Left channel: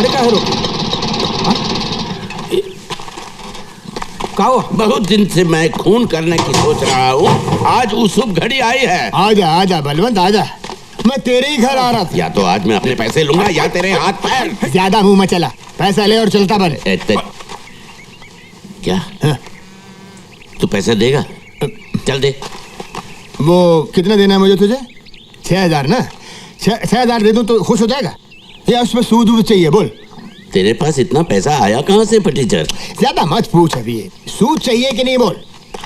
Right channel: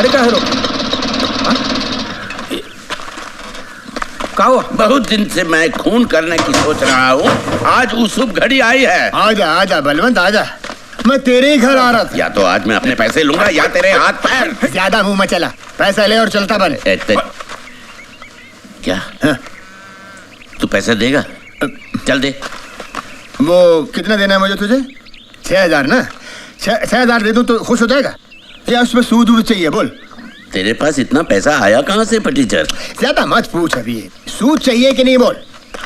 गाड़ी का है रोकी? क्या हुआ? बहुत दिन से मैं खून करने की सोच रहा हूँ, आज वो शुभ घड़ी आई है। आजा आजा बलवंत आजा, मैं तेरे ही घर आ रहा था। या तो आज मैं अपने पैसे लूंगा या तेरे हाथ पैर। ज्यादा मुंह मत चला, पैसा ले और चलता बन। क्या? हाँ? तू पैसे देगा? चल दे। वो कितना देना है मुझे तुझे? 6,000 ना? 6,000 दे दूं तो खुश हो जाएगा या उसमें सूद वूद चाहिए? बोल। तेरे पास इतना पैसा आया कहाँ से फटीचर? ज्यादा मत पूछ, अभी सूद चाहिए कि नहीं बोल।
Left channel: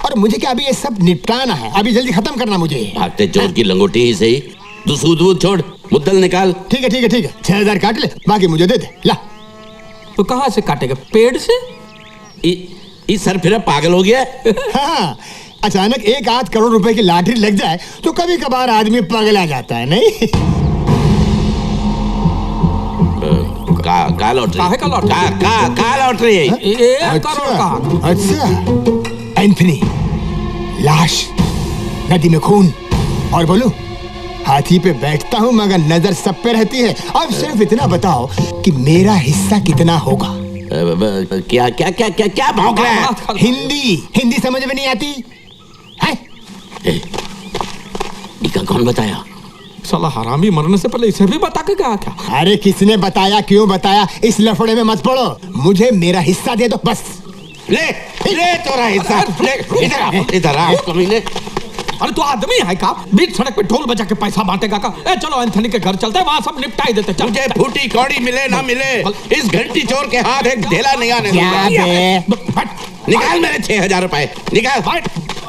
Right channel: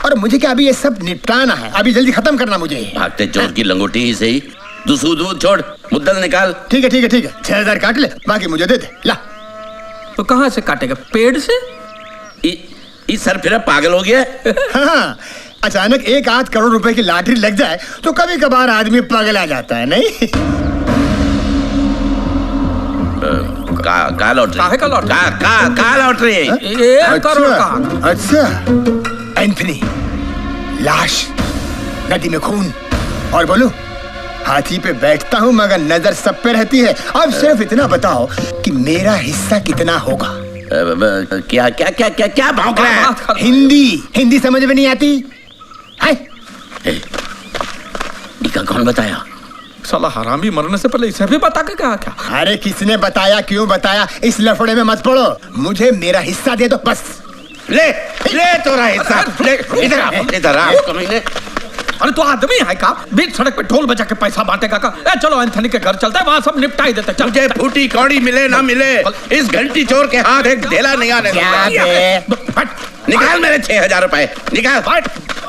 और मुझे क्या अभी ये सब निपटाना है, अभी जल्दी खत्म करना मुझे। भागते चोर की लंगोटी ही सही, तू सूद वूद छोड़, मुद्दल निकाल। ठीक है ठीक है ठीक है, 6,000 काट ले, बाकी मुझे दे दे। ला। तो कहाँ से काटेगा? पेड़ से? इस सर फिर पागल हो गया। हाँ, अचानक 1-8 करोड़ रुपए की लॉटरी लग जाए तो कभी कभार आदमी पागल आ जाता है, नहीं? का लॉटरी? काहे का लॉटरी? का लॉटरी? 1 करोड़ का। अच्छा, एंथनी, लाश, नदी में खून, और बोलो हाथी पे बैठता हूँ मगर नजर सब पे रहती है। अब सिर्फ इतना बताओ कि मेरा हिस्सा कितना होगा? क्या क्या क्या क्या क्या भौंक रहा है? हिंदी समझ में नहीं आती है? इका कौन बताया? साला हरामी मरने से पहले इसे भी बता के कहा क्या? अरे किसने बताया, क्यों बताया, इस लफड़े में मत पड़ो। मुझे मेरा हिस्सा दे दो बस। ले तोरा हिस्सा ले। इधर आ कमीने। अरे तो आदमी है का? बीच सड़क पे ढोल बजा के पैसा बांटेगा का? चलो एंथनी के घर चलते हैं, वहाँ सब निपटा ही देते। चल। मुझे फूटी कौड़ी मिले ना मिले, इस घंटी चोर के हाथ एक ढेला नहीं आने दूंगा। निकाल मेरे 6,000 रुपए,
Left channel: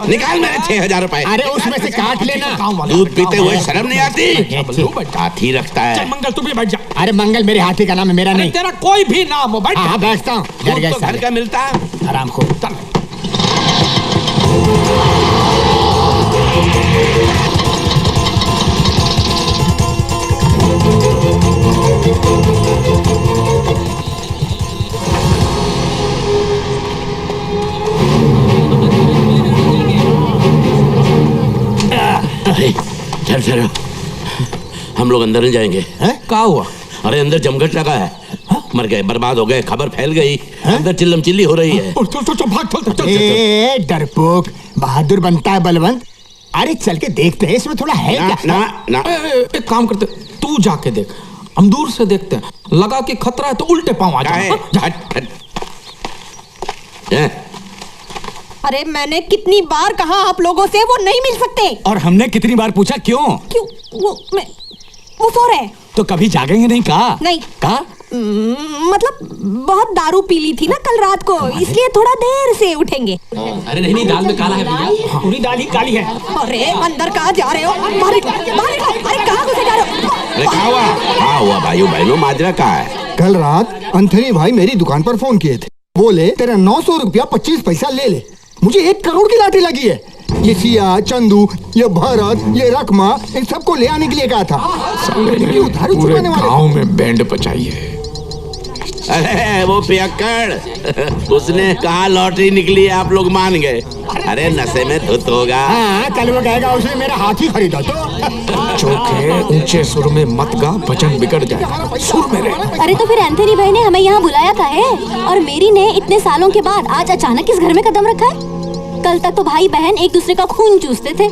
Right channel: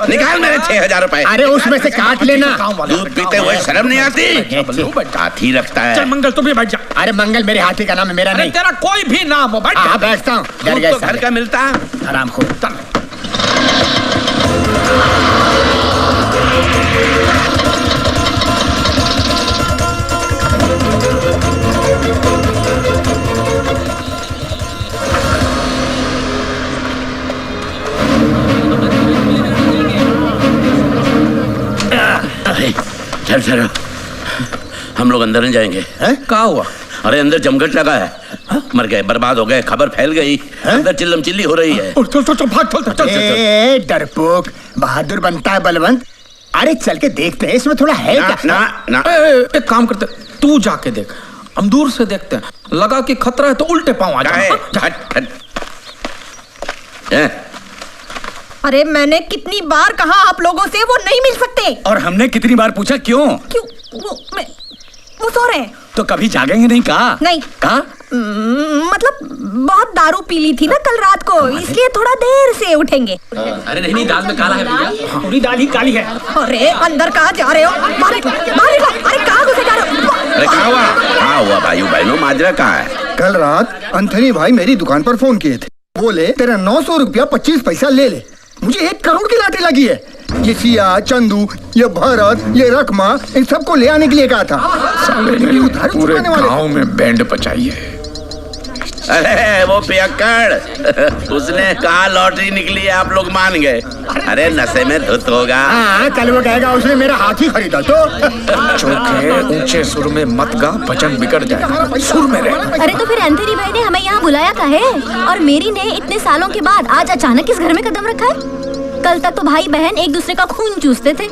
निकाल मेरे 6,000 रुपए। अरे उसमें से काट लेना। दूध पीते हुए शर्म नहीं आती? हाथी रखता है। चल मंगल, तू भी बैठ जा। अरे मंगल मेरे हाथी का नाम है, मेरा नहीं। तेरा कोई भी नाम हो, बैठ। हाँ बैठता हूँ। डर गए घर का मिलता है आराम को। चल। चल हम लोग अंदर नहीं जाएंगे। क्या हुआ? अरे अंदर जमघट लगा है। मर गए, बर्बाद हो गए, खबर फैल गई, अंदर चिल्लम चिल्ली हो रही है। चल भाग, चल। डरपोक बहादुर बनता है बलवंत। अरे चल के देखते हैं इसमें थोड़ा है क्या? ना। एक काम करते, तू जाके देख, हम दूर से देखते हैं, लगा कि खतरा है तो उल्टे पांव आ जाए। अरे मैंने कितनी बार कहा आप लोगों से वो नहीं मिल सकते। और हमने कितनी बार पूछा क्यों? वो सो रहे। तो कभी जागेंगे नहीं? कहा नहीं। कहा मतलब बहुत दारू पी ली थी ना कल रात को, इसलिए थोड़ा देर से उठेंगे। अरे नहीं, दाल में काला है भैया, पूरी दाल ही काली है। अरे अंदर कहाँ जा रहे हो? बाहर निकलो। अरे कहाँ घुसे जा रहे हो? अरे क्या हुआ भाइयों बहनों, माजरा कहाँ है? कल रात एंथनी भाई मेरी दुकान पर फोन किए थे, बोले तेरा 900 रुपया 25 पैसा ले ले। मुझे 1 करोड़ की लाठी लगी है। ये सिया, चंदू, ये भरत, ये रकमा, इन सबको ले आने के लिए कहा था। पूरे गांव में बैंड बजाई है। अरे वो पियक्कड़, उसने कहा लॉटरी निकली है, आप लोग मान गए। अरे नशे में धुत होगा। हाँ, कल वो कहेगा उसने मेरा हाथी खरीदा तो। चौके ऊंचे सुर में मत गा, वचन बिगड़ जाएगा, सुर में रह। अरे तो फिर एंथनी भाई ने हमें यहाँ बुलाया था है, और मेरी ने इतने सालों के बाद आज अचानक इस घर में कदम रखा है। कल तक तो भाई बहन एक दूसरे का खून चूसते थे।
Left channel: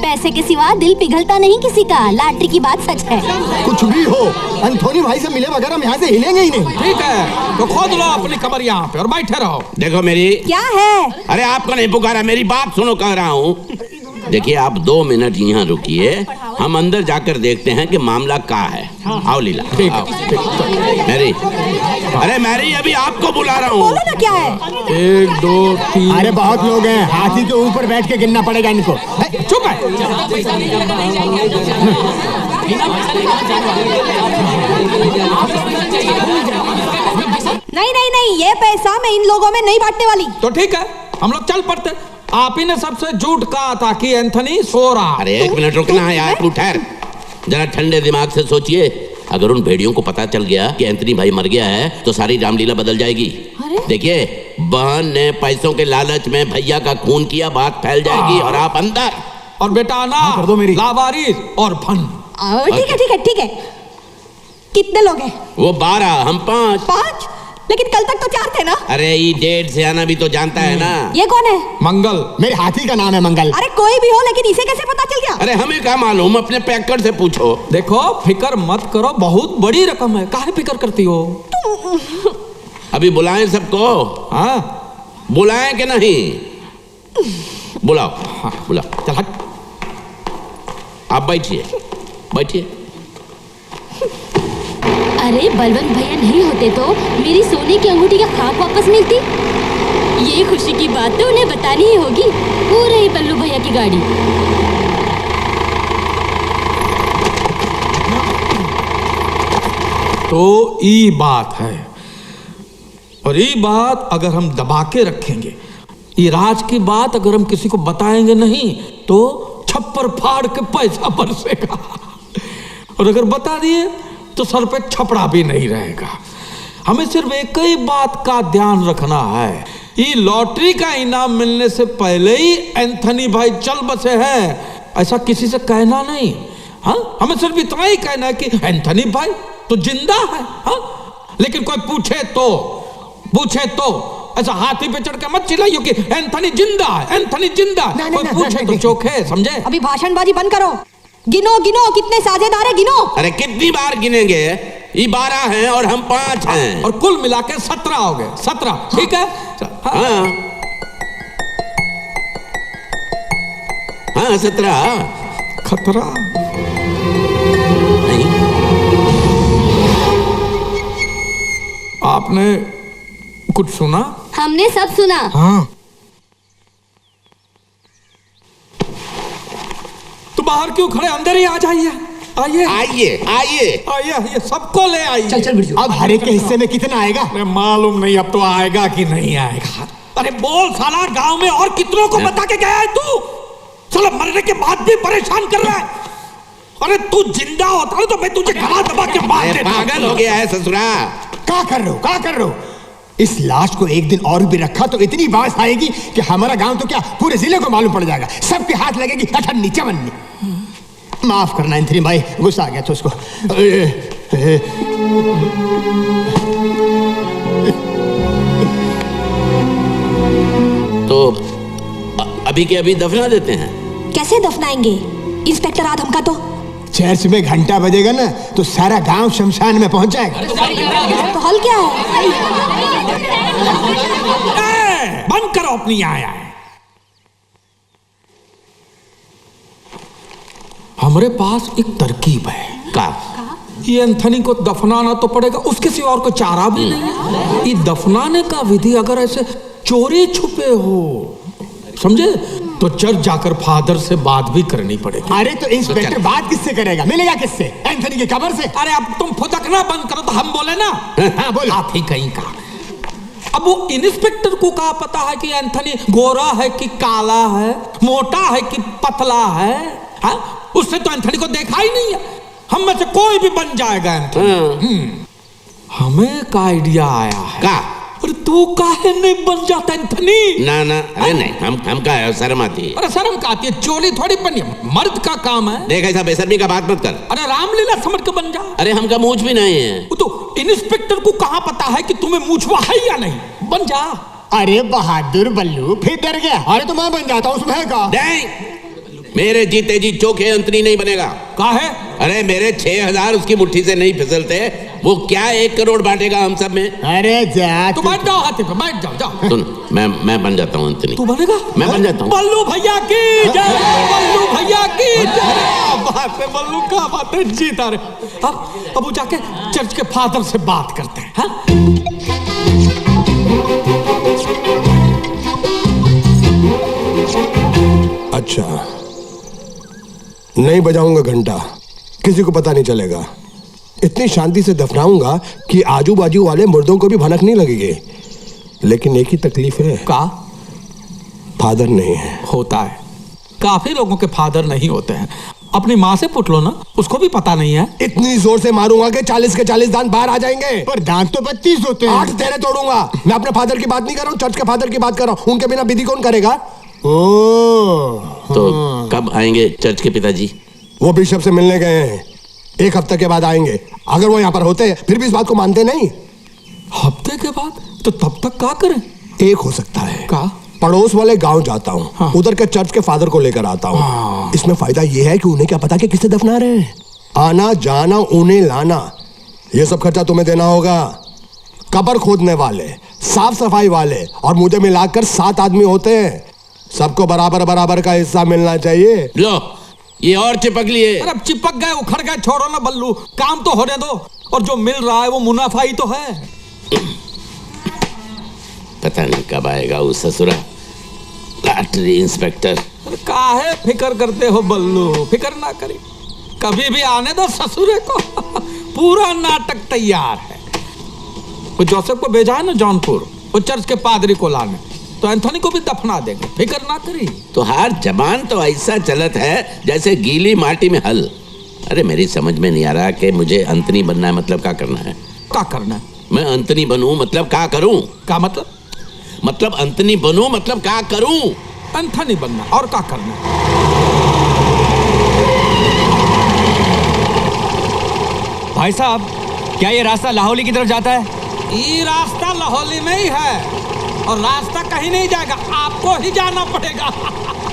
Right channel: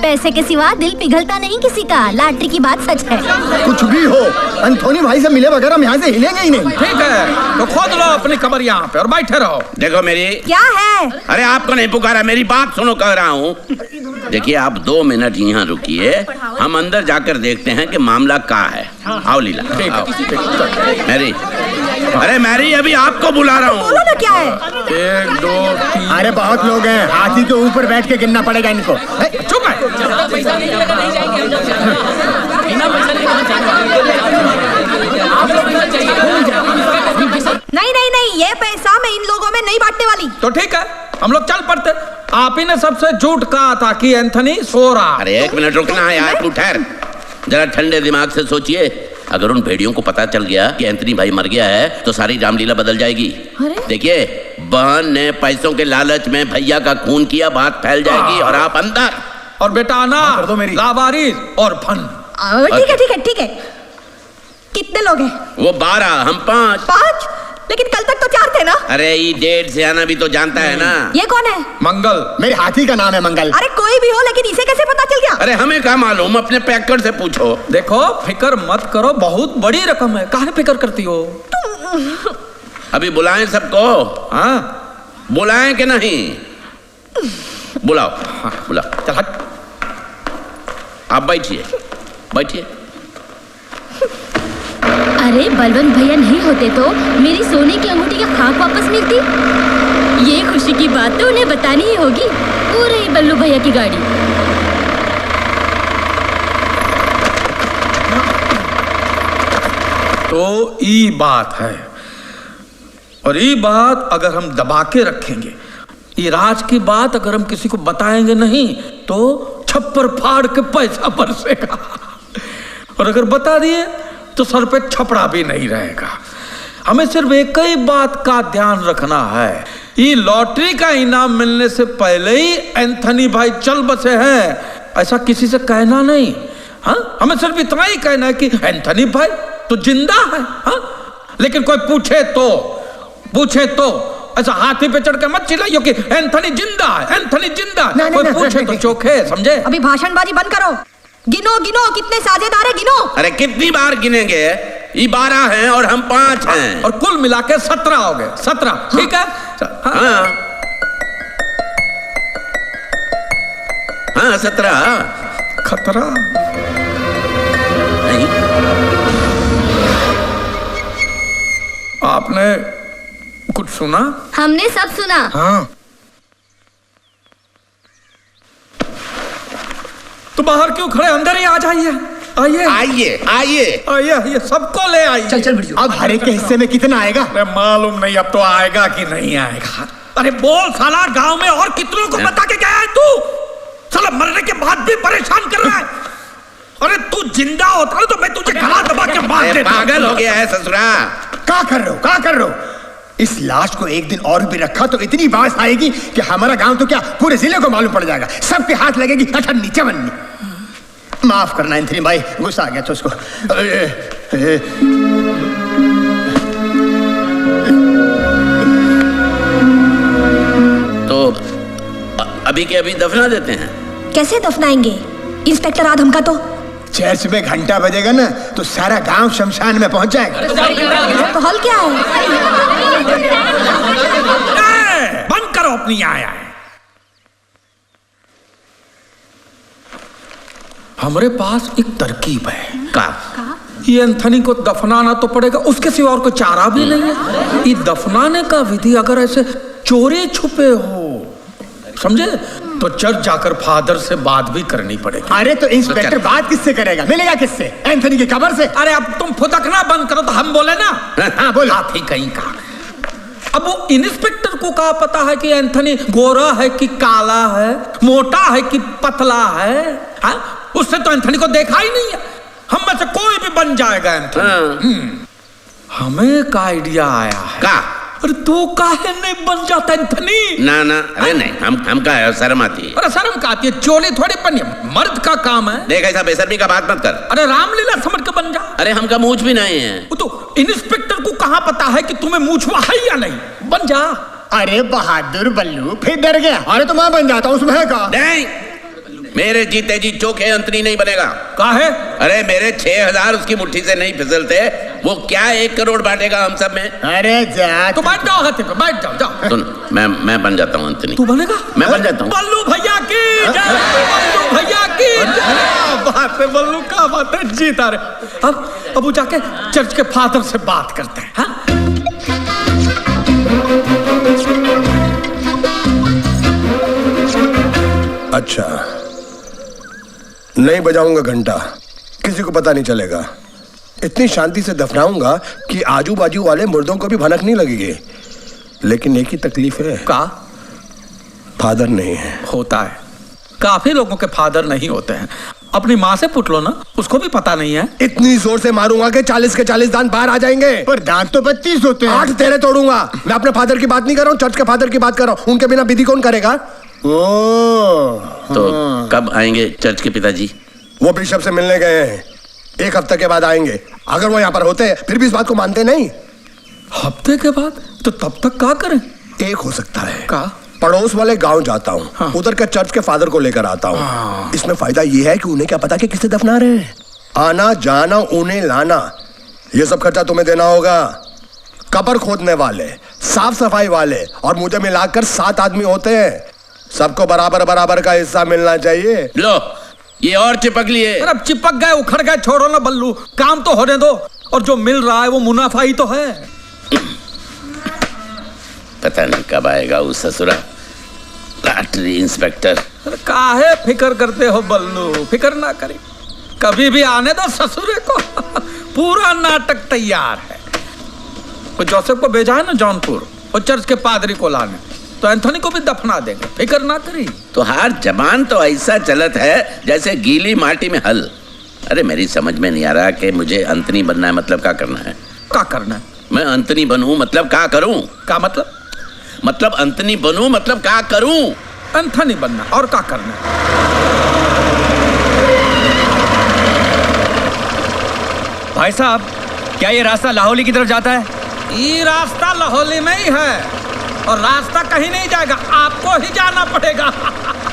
पैसे के सिवा दिल पिघलता नहीं किसी का, लॉटरी की बात सच है। कुछ भी हो, एंथनी भाई से मिले बगैर हम यहाँ से हिलेंगे ही नहीं। ठीक है, तो खोद लो अपनी कब्र यहाँ पे और बैठे रहो। देखो मेरी। क्या है? अरे आपको नहीं पुकारा, मेरी बात सुनो, कह रहा हूँ। देखिए आप 2 मिनट यहाँ रुकिए, हम अंदर जाकर देखते हैं कि मामला क्या है। आओ लीला। मैरी, अरे मैरी अभी आपको बुला रहा हूँ। बोलो ना क्या है? 1 2 3। अरे बहुत लोग हैं, हाथी के ऊपर बैठ के गिनना पड़ेगा इनको। चुप है। नहीं, ये पैसा मैं इन लोगों में नहीं बांटने वाली। तो ठीक है, हम लोग चल पड़ते। आप ही ने सबसे झूठ कहा था कि एंथनी सो रहा। अरे 1 मिनट रुकना है यार, तू ठहर जरा, ठंडे दिमाग से सोचिए। अगर उन भेड़ियों को पता चल गया कि एंथनी भाई मर गया है तो सारी रामलीला बदल जाएगी। देखिए बहन ने पैसों के लालच में भैया का खून किया, बात फैल जाएगी और आप अंदर। और बेटा ना कर दो मेरी लावारिस और फन। ठीक है कितने लोग हैं? वो 12, हम 5। 5? लेकिन कल तक तो 4 थे ना? अरे ये डेढ़ से आना भी तो जानता है ना। ये कौन है? मंगल। मेरे हाथी का नाम है मंगल। अरे कोई भी हो, लेकिन इसे कैसे पता चल गया? अरे हमें क्या मालूम, अपने पैकर से पूछो। देखो फिक्र मत करो, बहुत बड़ी रकम है, काहे फिक्र करती हो? अभी बुलाएं सबको? हाँ बुलाएं कि नहीं? बुलाओ। हाँ। बुलाओ। चल हट। आप बैठिए, बैठिए। अरे बलवंत भैया नहीं होते तो मेरी सोने की अंगूठी का खाक वापस मिलती। ये खुशी की बात तो उन्हें बतानी ही होगी। वो रही बल्लू भैया की गाड़ी। तो ये बात है, और ये बात अगर हम दबा के रखेंगे, ये राज की बात अगर हम किसी को बताएंगे नहीं तो छप्पर फाड़ के पैसा बरसेगा, और अगर बता दिए तो सर पे छपड़ा भी नहीं रहेगा। हमें सिर्फ एक ही बात का ध्यान रखना है, ये लॉटरी का इनाम मिलने से पहले ही एंथनी भाई चल बसे हैं, ऐसा किसी से कहना नहीं। हाँ, हमें सिर्फ इतना ही कहना है कि एंथनी भाई तो जिंदा है। हाँ, लेकिन कोई पूछे तो ऐसा हाथी पे चढ़ के मत चिल्लाइयो कि एंथनी जिंदा है, एंथनी जिंदा है। कोई पूछे तो चोखे, समझे? अभी भाषणबाजी बंद करो। गिनो गिनो, कितने साझेदार है, गिनो। अरे कितनी बार गिनेंगे? ये 12 हैं और हम 5 हैं। और कुल मिला के 17 हो गए। 17, ठीक है? हाँ हाँ 17। खतरा नहीं, आपने कुछ सुना? हमने सब सुना। हाँ, तो बाहर क्यों खड़े, अंदर ही आ जाइए। आइए आइए आइए। आइए आइए, सबको ले आइए। चल चल बिरजू। अब हर एक के हिस्से में कितना आएगा? अरे मालूम नहीं अब तो आएगा कि नहीं आएगा। अरे बोल साला, गांव में और कितनों को बता के गया है तू? साला मरने के बाद भी परेशान कर रहा है। अरे तू जिंदा होता तो मैं तुझे गला दबा के मार देता। पागल हो गया है ससुरा। क्या कर रहे हो? इस लाश को एक दिन और भी रखा तो इतनी बात आएगी कि हमारा गांव तो क्या पूरे जिले को मालूम पड़ जाएगा। सबके हाथ लगेगी अठन्नी चवन्नी। माफ करना एंथनी भाई, गुस्सा आ गया था उसको। तो अभी के अभी दफना देते हैं। कैसे दफनाएंगे इंस्पेक्टर आदम का? तो चर्च में घंटा बजेगा ना तो सारा गांव शमशान में पहुंच जाएगा। तो हल क्या है? बंद करो अपनी आया है। हमारे पास एक तरकीब है। का ये एंथनी को दफनाना तो पड़ेगा, उसके सिवा और कोई चारा भी नहीं है। ये दफनाने का विधि अगर ऐसे चोरी छुपे हो, समझे, तो चर्च जाकर फादर से बात भी करनी पड़ेगी। अरे तो इंस्पेक्टर बात किससे करेगा? मिलेगा किससे? एंथनी की कब्र से। अरे अब तुम फुदकना बंद करो तो हम बोले ना। हाँ बोलो। हाथी कहीं का। अब वो इंस्पेक्टर को क्या पता है कि एंथनी गोरा है कि काला है, मोटा है कि पतला है? हाँ? उसने तो एंथनी को देखा ही नहीं है। हम में से कोई भी बन जाएगा एंथनी। हमें का आइडिया आया है। का? अरे तू काहे नहीं बन जाता एंथनी? ना ना, अरे नहीं, हम का है, शर्म आती है। अरे शर्म का आती है? चोली थोड़ी बनी, मर्द का काम है। देख ऐसा बेशर्मी का बात मत कर। अरे रामलीला समझ के बन जा। अरे हमका मूछ भी नहीं है। वो तो इंस्पेक्टर को कहाँ पता है कि तुम्हें मूछवा है या नहीं? बन जा। अरे बहादुर बल्लू, फिर डर गया। अरे तो मैं बन जाता हूँ, उसमें है का? नहीं, मेरे जीते जी चोखे अंतरी नहीं बनेगा। काहे? अरे मेरे 6000 उसकी मुट्ठी से नहीं फिसलते। वो क्या 1 करोड़ बांटेगा हम सब में? अरे जा तो बैठ जाओ, हाथी पे बैठ जाओ। जाओ, सुन, मैं बन जाता हूँ अंतनी। तू बनेगा? मैं बन जाता हूँ। बल्लू भैया की जय, बल्लू भैया की जय। क्या बात है बल्लू, क्या बात है, जीता रे। अब वो जाके चर्च के फादर से बात करते हैं। हाँ? अच्छा, नहीं बजाऊंगा घंटा, किसी को पता नहीं चलेगा। इतनी शांति से दफनाऊंगा कि आजू बाजू वाले मुर्दों को भी भनक नहीं लगेगी। लेकिन एक ही तकलीफ है। का? फादर नहीं है। होता है, काफी लोगों के फादर नहीं होते हैं। अपनी माँ से पूछ लो ना, उसको भी पता नहीं है। इतनी जोर से मारूंगा कि 40 के 40 दांत बाहर आ जाएंगे। पर दांत तो 32 होते हैं। 8 तेरे तोड़ूंगा। मैं अपने फादर की बात नहीं कर रहा हूँ, चर्च के फादर की बात कर रहा हूँ। उनके बिना विधि कौन करेगा? तो कब आएंगे चर्च के पिताजी? वो बिशप से मिलने गए हैं। 1 हफ्ते के बाद आएंगे। अगर वो यहाँ पर होते फिर भी इस बात को मानते नहीं। हफ्ते के बाद? तो तब तक क्या करें? एक हो सकता है, का पड़ोस वाले गांव जाता हूँ। हाँ। उधर के चर्च के फादर को लेकर आता हूँ। हाँ। इसमें फायदा ये है कि उन्हें क्या पता कि किसे दफना रहे हैं। आना जाना उन्हें लाना ये सब खर्चा तुम्हें देना होगा। कब्र खोदने वाले, साफ सफाई वाले और मुझे मिलाकर 7 आदमी होते हैं। सबको बराबर बराबर का हिस्सा मिलना चाहिए। लो ये और चिपक लिए। अरे अब चिपक गए, उखड़ गए, छोड़ो ना बल्लू, काम तो होने दो। और जो मिल रहा है वो मुनाफा ही तो है। पता नहीं कब आएगा वो ससुरा लॉटरी इंस्पेक्टर। अरे काहे फिक्र करते हो बल्लू, फिक्र ना करी, कभी भी आने दो ससुरे को। पूरा नाटक तैयार है। वो जोसेफ को भेजा है ना जौनपुर, वो चर्च के पादरी को लाने, तो एंथोनी को भी दफना देंगे, फिक्र ना करी। तो हर जबान तो ऐसा चलत है जैसे गीली माटी में हल। अरे मेरी समझ में नहीं आ रहा कि मुझे एंथोनी बनना है, मतलब क्या करना है? क्या करना है? मैं एंथोनी बनूं मतलब क्या करूं? क्या मतलब? मतलब एंथोनी बनूं मतलब क्या करूं? एंथोनी बनना और क्या करना है? भाई साहब, क्या ये रास्ता लाहौली की तरफ जाता है? ये रास्ता लाहौली में ही है और रास्ता कहीं नहीं जाएगा, आपको ही जाना पड़ेगा।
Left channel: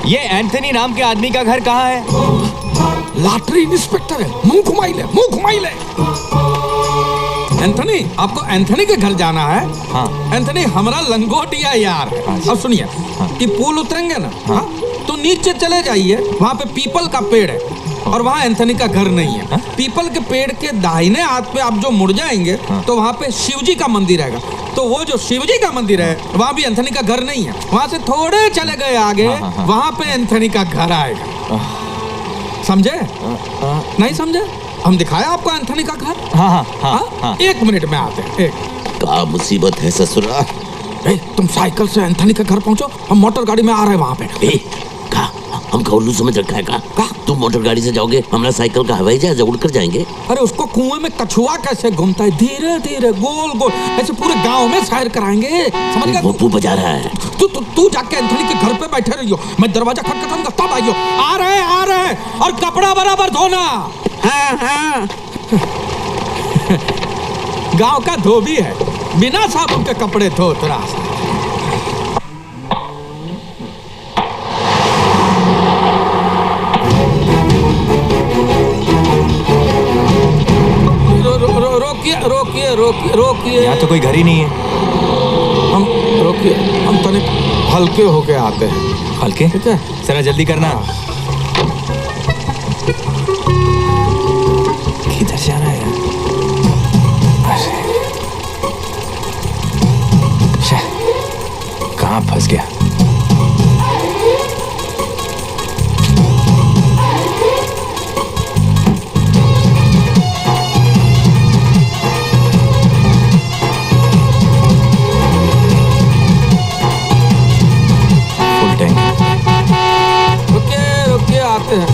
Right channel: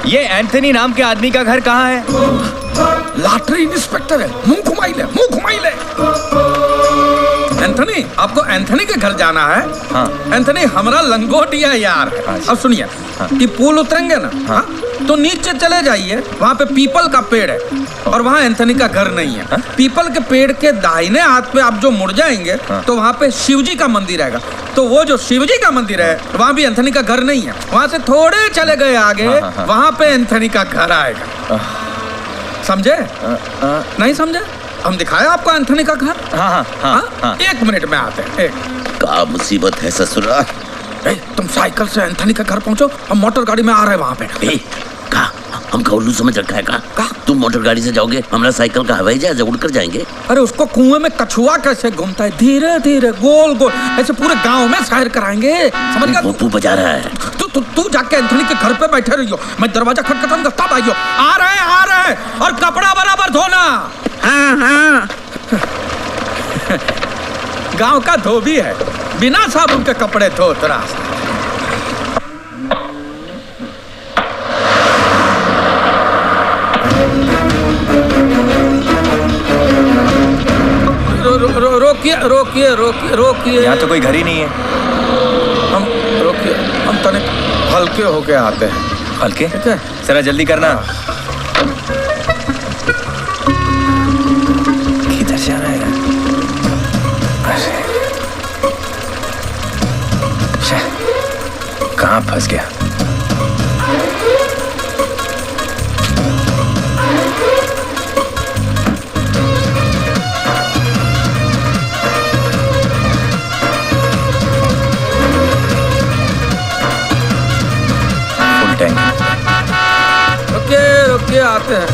ये एंथनी नाम के आदमी का घर कहाँ है? लॉटरी इंस्पेक्टर है, मुंह घुमाई ले, मुंह घुमाई ले। एंथनी, आपको एंथनी के घर जाना है? हाँ। एंथनी हमारा लंगोटिया यार है। हाँ। अब सुनिए, ये पुल उतरेंगे ना, हाँ? तो नीचे चले जाइए, वहाँ पे पीपल का पेड़ है और वहाँ एंथनी का घर नहीं है। हाँ? पीपल के पेड़ के दाहिने हाथ पे आप जो मुड़ जाएंगे, हाँ। तो वहाँ पे शिवजी का मंदिर आएगा। तो वो जो शिवजी का मंदिर है, वहाँ भी एंथनी का घर नहीं है। वहाँ से थोड़े चले गए आगे, हाँ। वहाँ पे एंथनी का घर आएगा। समझे? नहीं समझे? हम दिखाया आपको एंथनी का घर। हाँ हाँ हाँ, हाँ? हाँ। 1 मिनट में आते हैं। क्या मुसीबत है ससुरा। तुम साइकिल से एंथनी के घर पहुंचो, हम मोटर गाड़ी में आ रहे हैं वहाँ पे। हमको उल्लू समझ रखा है का? तुम मोटर गाड़ी से जाओगे, हमारा साइकिल का हवाई जहाज उड़कर जाएंगे। अरे उसको कुएं में कछुआ कैसे घूमता है, धीरे धीरे गोल गोल ऐसे पूरे गांव में सैर कराएंगे, समझ गया? वो बजा रहा है। तू जाके एंथनी के घर पे बैठे रहियो, मैं दरवाजा खटखटाऊंगा तब आइयो। आ रहे हैं और कपड़ा बराबर धोना। हाँ हाँ। गांव का धोबी है, बिना साबुन के कपड़े धोत रहा। रोकिए रोकिए रोकिए। यहाँ तो कोई घर ही नहीं है। हम रोकिए, हम तनिक हल्के होके आते हैं। हल्के? ठीक है, जरा जल्दी करना। किधर जाना है? कहाँ फंस गया? रुकिए आते हैं।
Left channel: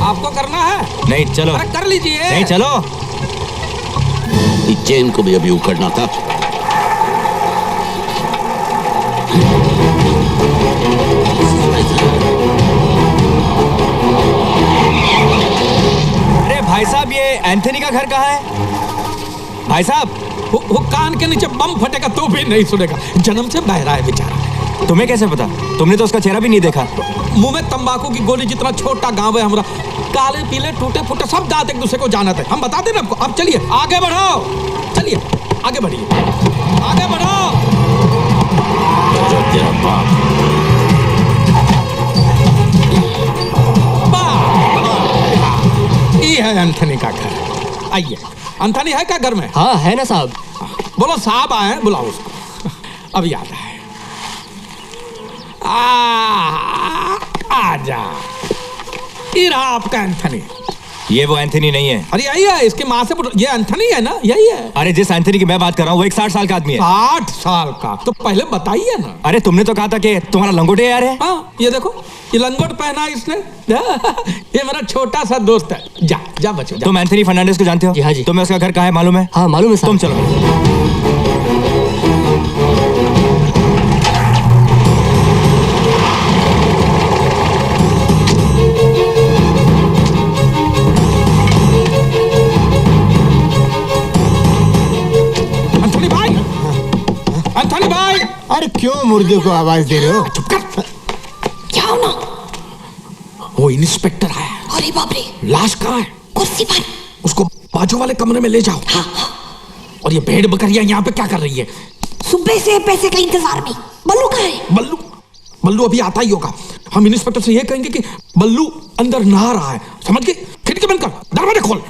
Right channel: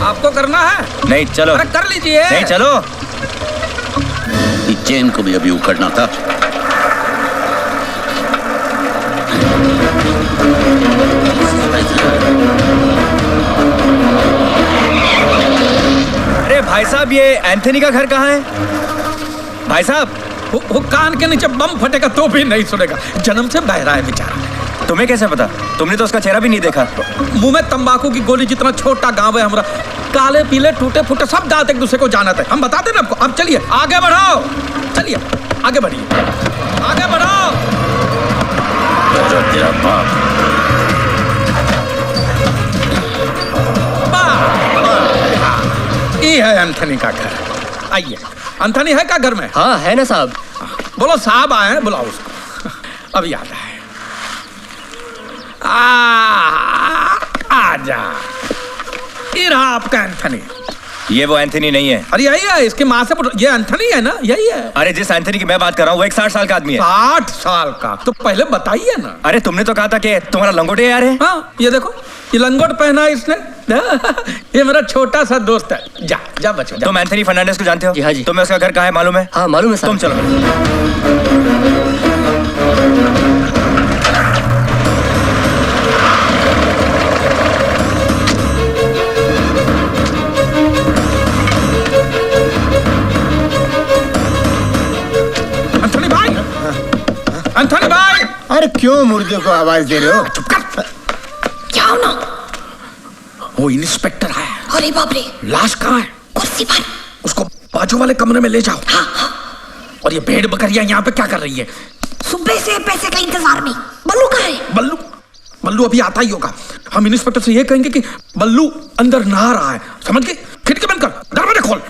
आपको करना है? नहीं, चलो। अरे कर लीजिए। नहीं, चलो। इस चेन को भी अभी उखड़ना था। अरे भाई साहब, ये एंथनी का घर कहाँ है? भाई साहब, वो कान के नीचे बम फटेगा तो भी नहीं सुनेगा, जन्म से बहरा है बेचारा। तुम्हें कैसे पता? तुमने तो उसका चेहरा भी नहीं देखा। मुंह में तंबाकू की गोली जितना छोटा गांव है हमारा, काले पीले टूटे फूटे सब दांत एक दूसरे को जानते हैं। हम बताते ना आपको। अब चलिए आगे बढ़ाओ, चलिए आगे बढ़िए, आगे बढ़ाओ। तेरा बाप। ये है एंथनी का घर। आइए। एंथनी है क्या घर में? हाँ है ना साहब। बोलो साहब आए हैं, बुलाओ उसको। अब याद आए। आजा। ये रहा आपका एंथनी। ये वो एंथनी नहीं है। अरे यही है, इसके माँ से ये एंथनी है ना, यही है। अरे जिस एंथनी की मैं बात कर रहा हूँ वो एक 60 साल का आदमी है। 60 साल का? तो पहले बताइए ना। अरे तुमने तो कहा था कि तुम्हारा लंगोटे यार है। हाँ, ये देखो, ये लंगोट पहना है इसने। ये मेरा छोटा सा दोस्त है। जा जा बच्चो जा। तुम एंथनी फर्नांडिस को जानते हो? जी हाँ जी। तुम्हें उसका घर कहाँ है मालूम है? हाँ मालूम है साहब। तुम चलो। एंथनी भाई। अरे क्यों मुर्दे को आवाज दे रहे हो? चुप कर। क्या हो ना? वो इंस्पेक्टर आया। अरे बाप रे। लाश कहाँ है? कुर्सी पर। उसको बाजू वाले कमरे में ले जाओ। हाँ हाँ। और ये भेड़ बकरियां यहाँ पे क्या कर रही है? सुबह से पैसे के इंतजार में। बल्लू कहाँ है? बल्लू बल्लू अभी आता ही होगा। हम इंस्पेक्टर से ये कहेंगे कि बल्लू अंदर नहा रहा है, समझ के? खिड़की बंद कर, दरवाजा खोल।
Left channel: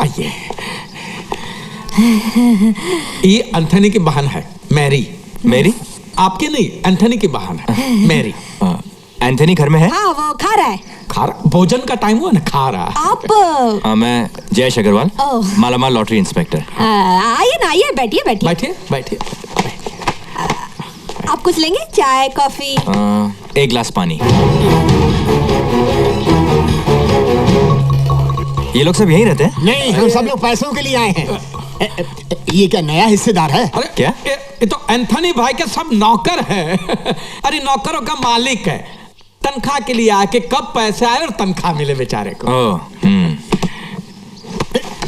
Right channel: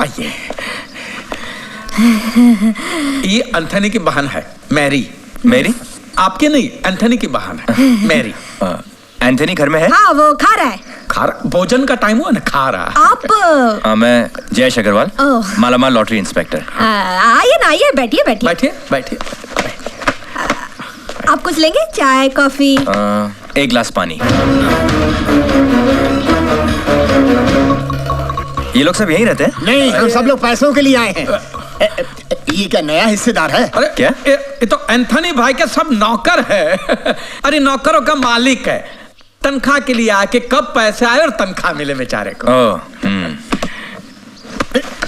आइए। ये एंथनी की बहन है मैरी। मेरी? आपके नहीं, एंथनी की बहन है मैरी। एंथनी घर में है? हाँ वो खा रहा है। खा रहा? भोजन का टाइम हुआ ना, खा रहा। आप मैं जयेश अग्रवाल, ओह। मालामाल लॉटरी इंस्पेक्टर। आइए ना, आइए, बैठिए बैठिए। बैठिए बैठिए। आप कुछ लेंगे? चाय कॉफी? एक गिलास पानी। ये लोग सब यहीं रहते हैं? नहीं, हम सब लोग पैसों के लिए आए हैं। ये क्या नया हिस्सेदार है? अरे क्या? ये तो एंथनी भाई के सब नौकर है। अरे नौकरों का मालिक है। तनख्वाह के लिए आके कब पैसे आए और तनख्वाह मिले बेचारे को।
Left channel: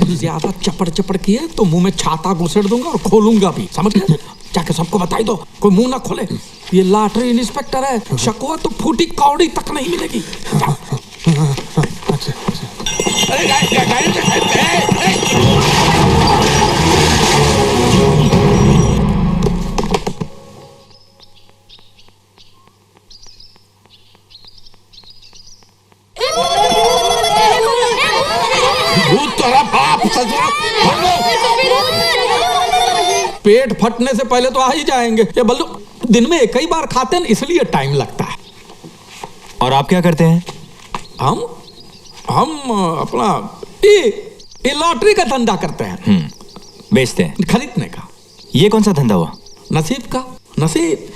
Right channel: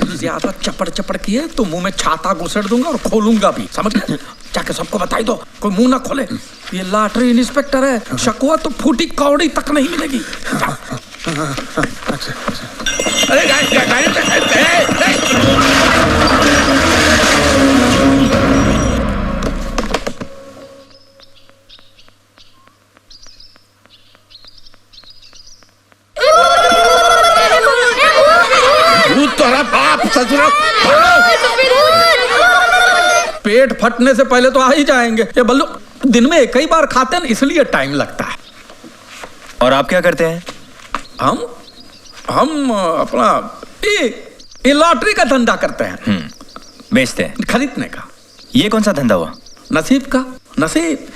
ज्यादा चपड़ चपड़ किए तो मुंह में छाता घुसेड़ दूंगा और खोलूंगा भी, समझ गए? जाके सबको बताई दो, कोई मुंह ना खोले। ये लॉटरी इंस्पेक्टर है, शकुआ तो फूटी कौड़ी तक नहीं मिलेगी। पेट फटने से पहले तो आ ही जाएंगे। ये बल्लू दिन में एक ही बार खाते हैं, इसलिए टाइम लगता है। और आप क्या करते हैं? हम अपना ये लॉटरी का धंधा करते हैं। बेचते हैं? खरीदने का। ये कौन सा धंधा हुआ? नसीब का। नसीब।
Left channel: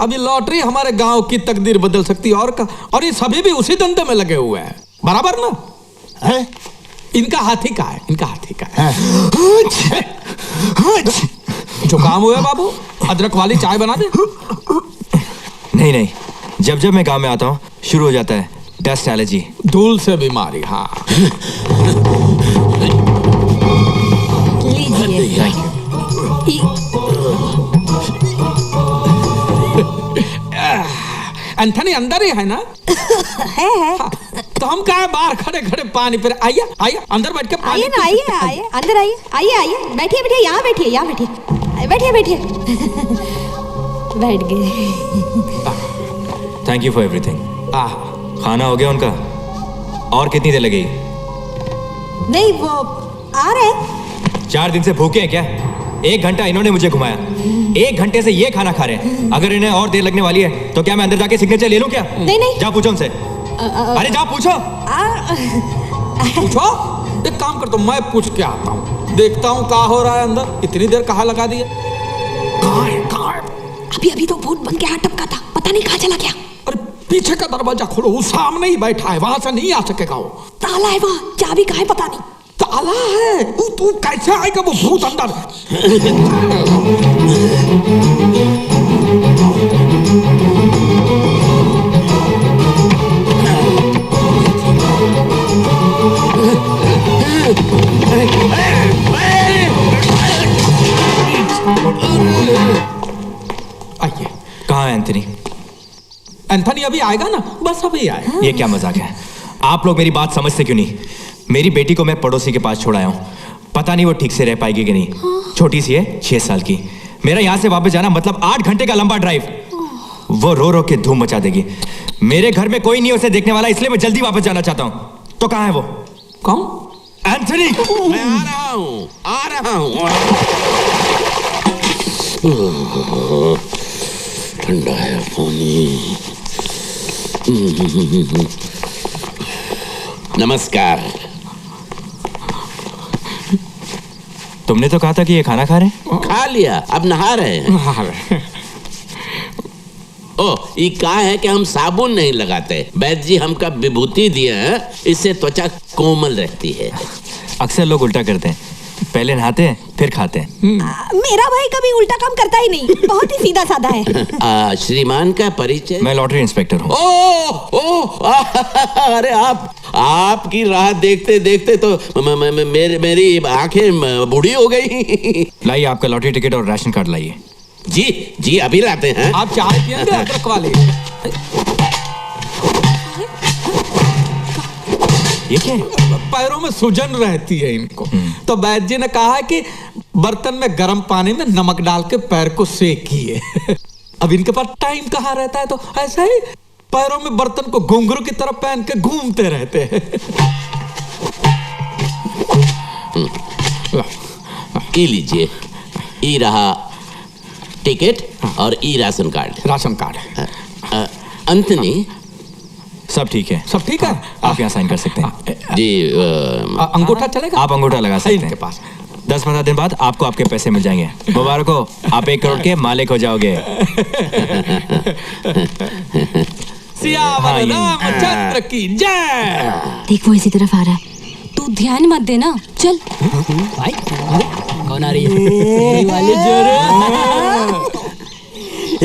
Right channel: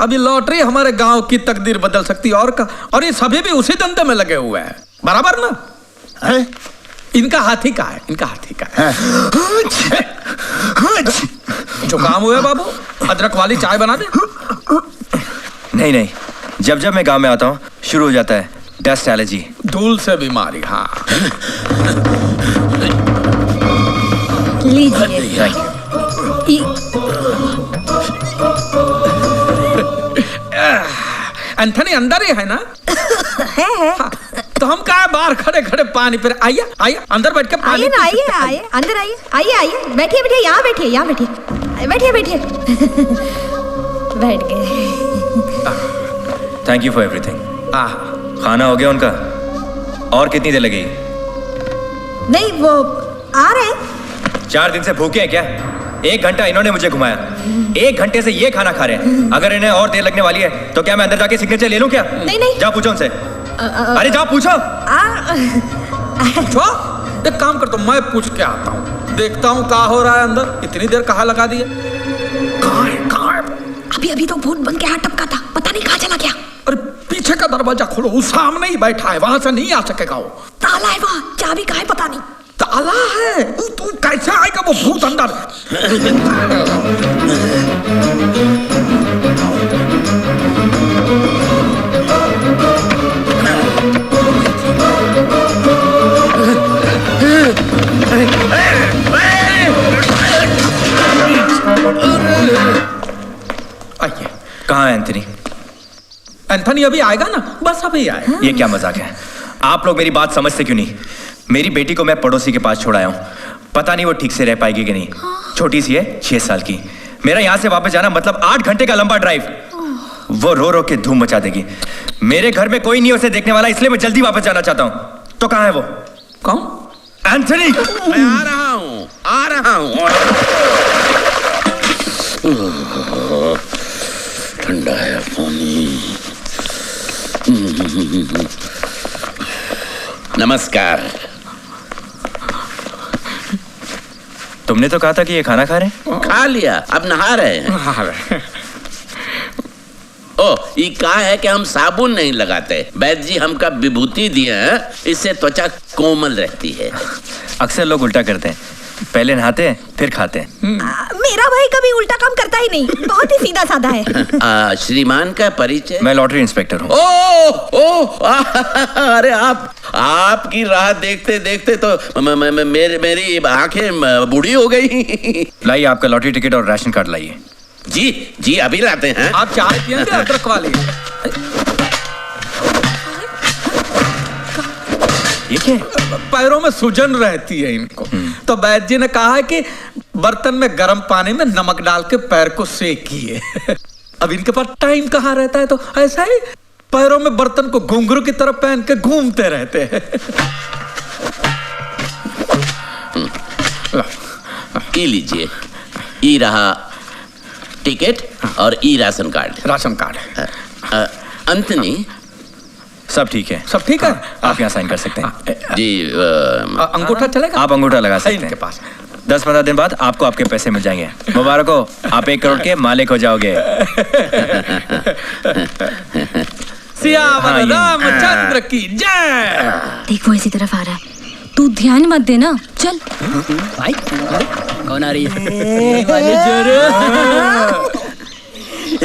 अभी लॉटरी हमारे गांव की तकदीर बदल सकती है और ये सभी भी उसी धंधे में लगे हुए हैं, बराबर ना है? इनका हाथी का है, इनका हाथी का है। जो काम हुआ बाबू, अदरक वाली चाय बना दे। नहीं नहीं, जब जब मैं गांव में आता हूँ शुरू हो जाता है डस्ट एलर्जी, धूल से बीमारी। हाँ लीजिए। एंथनी अंदर ही है ना? है। हाँ, तो हम कहा बाहर खड़े खड़े पानी पे। आइए आइए अंदर बैठ के पानी आइए ना, आइए आइए, अंदर आइए, आइए आइए, बैठिए बैठिए, यहाँ बैठिए, यहाँ बैठिए, बैठिए बैठिए। बैठ गए। Thank you for everything. खाना हो गया उनका? और कितनी देर लगेगी? नहीं वो आ रहे हैं। 4 दिन से भूखे हैं क्या? 1 घंटा इन्होंने मुझे घुमाया, 1 घंटे से ये खाना खा रहे हैं। अगर इन्हें और देर लगने वाली है तो क्या मैं अंदर जाके सिग्नेचर ले लूं क्या? नहीं नहीं, जा पूछो उनसे। अरे जा पूछो। पूछो। एक काम करता हूँ, मैं पूछ के आता हूँ, देखता हूँ क्या हो रहा है अंदर। इतनी देर कहाँ लगा दी है? कहाँ है? कहाँ है? अभी अभी तो भूत बन के यहाँ टपका था, पता नहीं कहाँ चला गया। अरे पीछे का दरवाजा खोलो, वो सामने ही बैठा है, वहां से नहीं आ सकेगा वो। ताला है वहाँ, चाबी कहाँ है पता नहीं। ताला है? तू कैसे आएगा वो भूत अंदर? आइए। कहाँ है एंथनी? एंथनी अभी आएगा ना, बस अभी आएगा। ये क्या मजाक है? आप लोग मेरी बात समझते क्यों नहीं? मेरी बेटी को मैं पड़ोसी के पास छोड़ आया हूँ, पता नहीं वो ठीक से रह पाएगी कि नहीं। छोटी सी है, 6 साल की। मेरा यहाँ से वापस जाना मतलब 8 घंटे का लंबा ड्राइव। वो रो रो के धूम मचा देगी। मेरे घर में कोई नहीं उसे देखने वाला, इसलिए मैं जल्दी वापस जाना चाहता हूँ। तो कहाँ है वो? कौन? एंथनी। मैं आ रहा हूँ, आ रहा हूँ। ठंडा है पानी। नमस्कार। तुमने तो कहा था कि ये खाना खा रहे हैं। खा लिया, अब नहा रहे हैं। ओ, ये कहा है कि हम साबुन नहीं लगाते। वैद्य जी हमका विभूति दिए हैं, इससे त्वचा कोमल रहती है। अक्सर लोग उल्टा करते हैं, पहले नहाते हैं फिर खाते हैं। मेरा भाई कभी उल्टा काम करता ही नहीं, बहुत ही सीधा साधा है। श्रीमान का परिचय? मैं लॉटरी इंस्पेक्टर हूँ। ओ, अरे आपकी राह देखते देखते तो मेरी आंखें बूढ़ी हो गई। लाइए आपका लॉटरी टिकट और राशन कार्ड लाइए। जी जी अभी लाते हैं। आप चाय पियेंगे अदरक वाली? ये क्या है? पैरों में सूजन रहती है इनको, तो वैद्य जी ने कहा है कि बर्तन में गर्म पानी में नमक डाल के पैर को सेकिए। अब इनके पास टाइम कहाँ रहता है, तो ऐसा ही पैरों में बर्तन को घुंघरू की तरफ पहन के घूमते रहते हैं। ई लीजिए, ई रहा टिकट और ई राशन कार्ड। Ration card. अंतनी सब ठीक है। सब ठीक है, आप यहाँ साइन कर सकते हैं। जी अंगूठा चलेगा? आप अंगूठा लगा सकते हैं। इनके पास 10-15 दिन बाद आपको आपके पैसे मिल जाएंगे। मुबारक हो, आप 1 करोड़ के मालिक हो जाओगे। सियावर रामचंद्र की जय। देख वो इसी तरफ आ रहा है, तू ध्यान मत देना। चल भाई कौन आ रही है?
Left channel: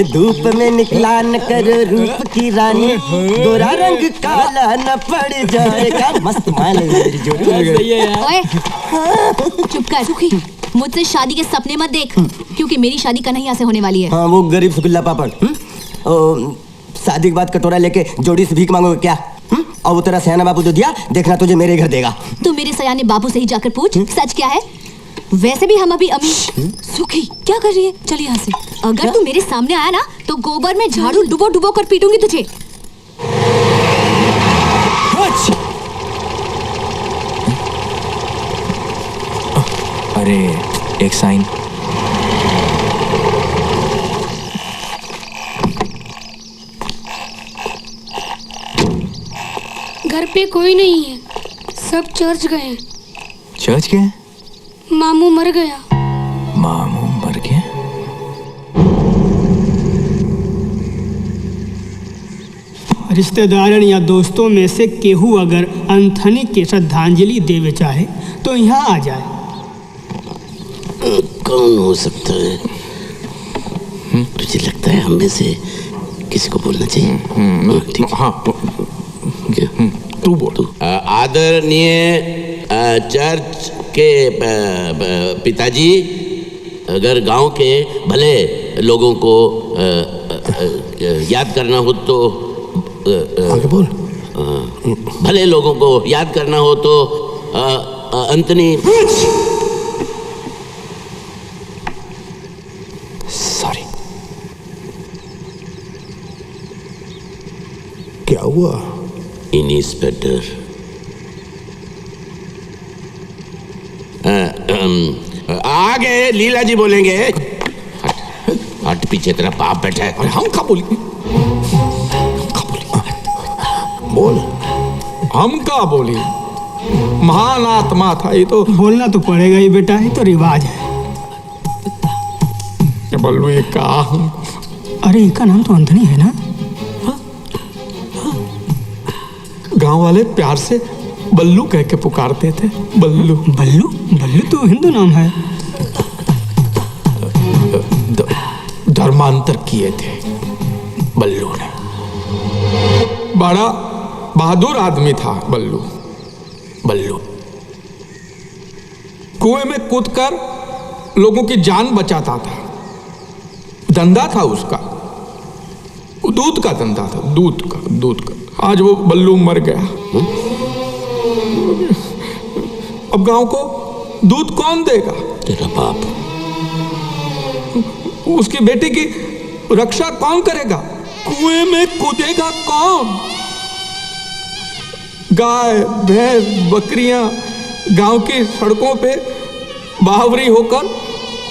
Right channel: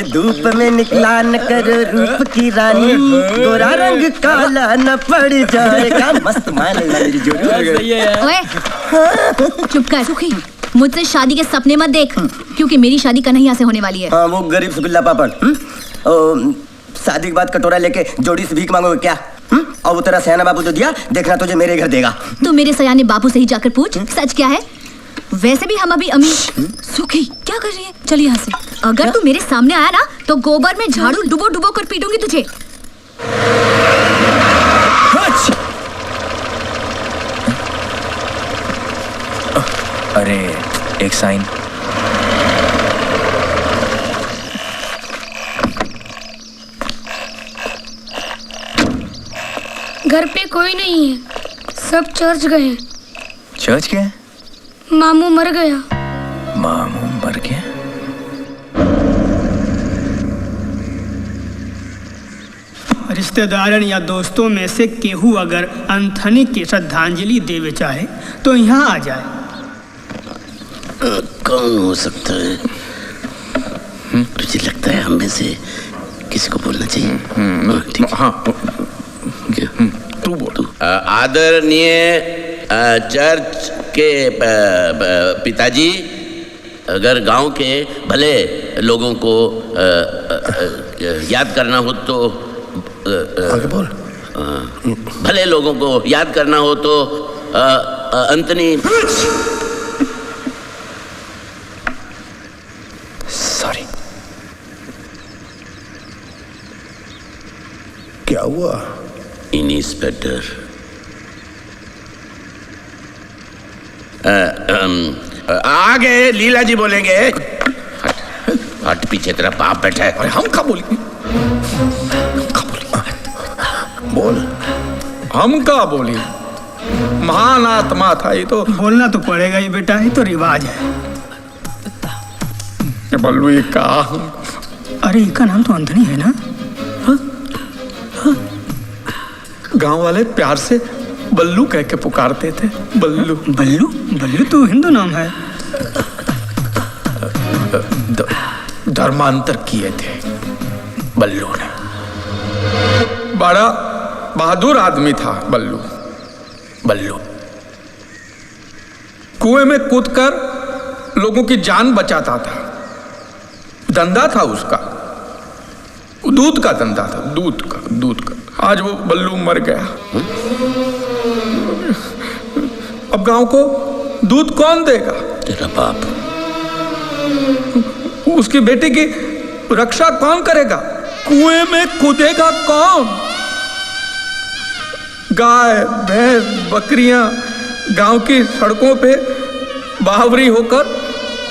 धूप में निकला न कर रूप की रानी, गोरा रंग काला न पड़ जाएगा। मस्त माल है मेरी जोड़ी। ओए चुप कर सुखी, मुझसे शादी के सपने मत देख, क्योंकि मेरी शादी कन्हैया से होने वाली है। हाँ वो गरीब सुगुल्ला पापड़। शादी के बाद कटोरा लेके जोड़ी से भीख मांगोगे क्या? और वो तेरा सयाना बापू जो दिया, देखना तुझे मेरे घर देगा। तू मेरे सयाने बापू से ही जाकर पूछ सच क्या है। वैसे भी हम अभी अमीर। सुखी क्या कर रही है? चल यहाँ से। अगर तू मेरे सामने आया ना तो गोबर में झाड़ू डुबो डुबो कर पीटूंगी तुझे। अरे एक साइन। घर पे कोई नहीं है, सब चर्च गए। चर्च गए? मामू मर गया। मामू मर गया? रिश्तेदारन या दोस्तों में से केहू अगर अंथनी के श्रद्धांजलि देवे चाहे तो यहाँ आ जाए। कौन हो सकता है? तुझे लगता है हम में से किसी को बोलना चाहिए? ठीक है। हाँ तू बोल। आदरणीय चर्च के पिताजी, अगर गांव के भले लोगों को याद करना हो तो आगे बोल। भले लोगों को याद करना हो तो अंतनी। सॉरी। क्या हुआ? इंस्पेक्टर आगे लीला जी बोलेंगे। हट पीछे, तेरा बाप बैठा है। अरे हम कब बोली? बोल। हम का बोली? महान आत्मा था ये तो। बोलना तो पड़ेगा ही बेटा, ये तो रिवाज है। बल्लू ये का? अरे इनका नाम तो अंथनी है ना? गांव वाले प्यार से बल्लू कह के पुकारते थे। बल्लू बल्लू? बल्लू तो हिंदू नाम है। धर्मांतर किए थे बल्लू ने। बड़ा बहादुर आदमी था बल्लू। बल्लू कुएं में कूदकर लोगों की जान बचाता था। धंधा था उसका, दूध का धंधा था। दूध का। आज वो बल्लू मर गया। अब गांव को दूध कौन देगा? तेरा बाप। उसकी बेटी की रक्षा कौन करेगा? कुएं में कूदेगा कौन? गाय भैंस बकरियां गांव की सड़कों पे बावरी होकर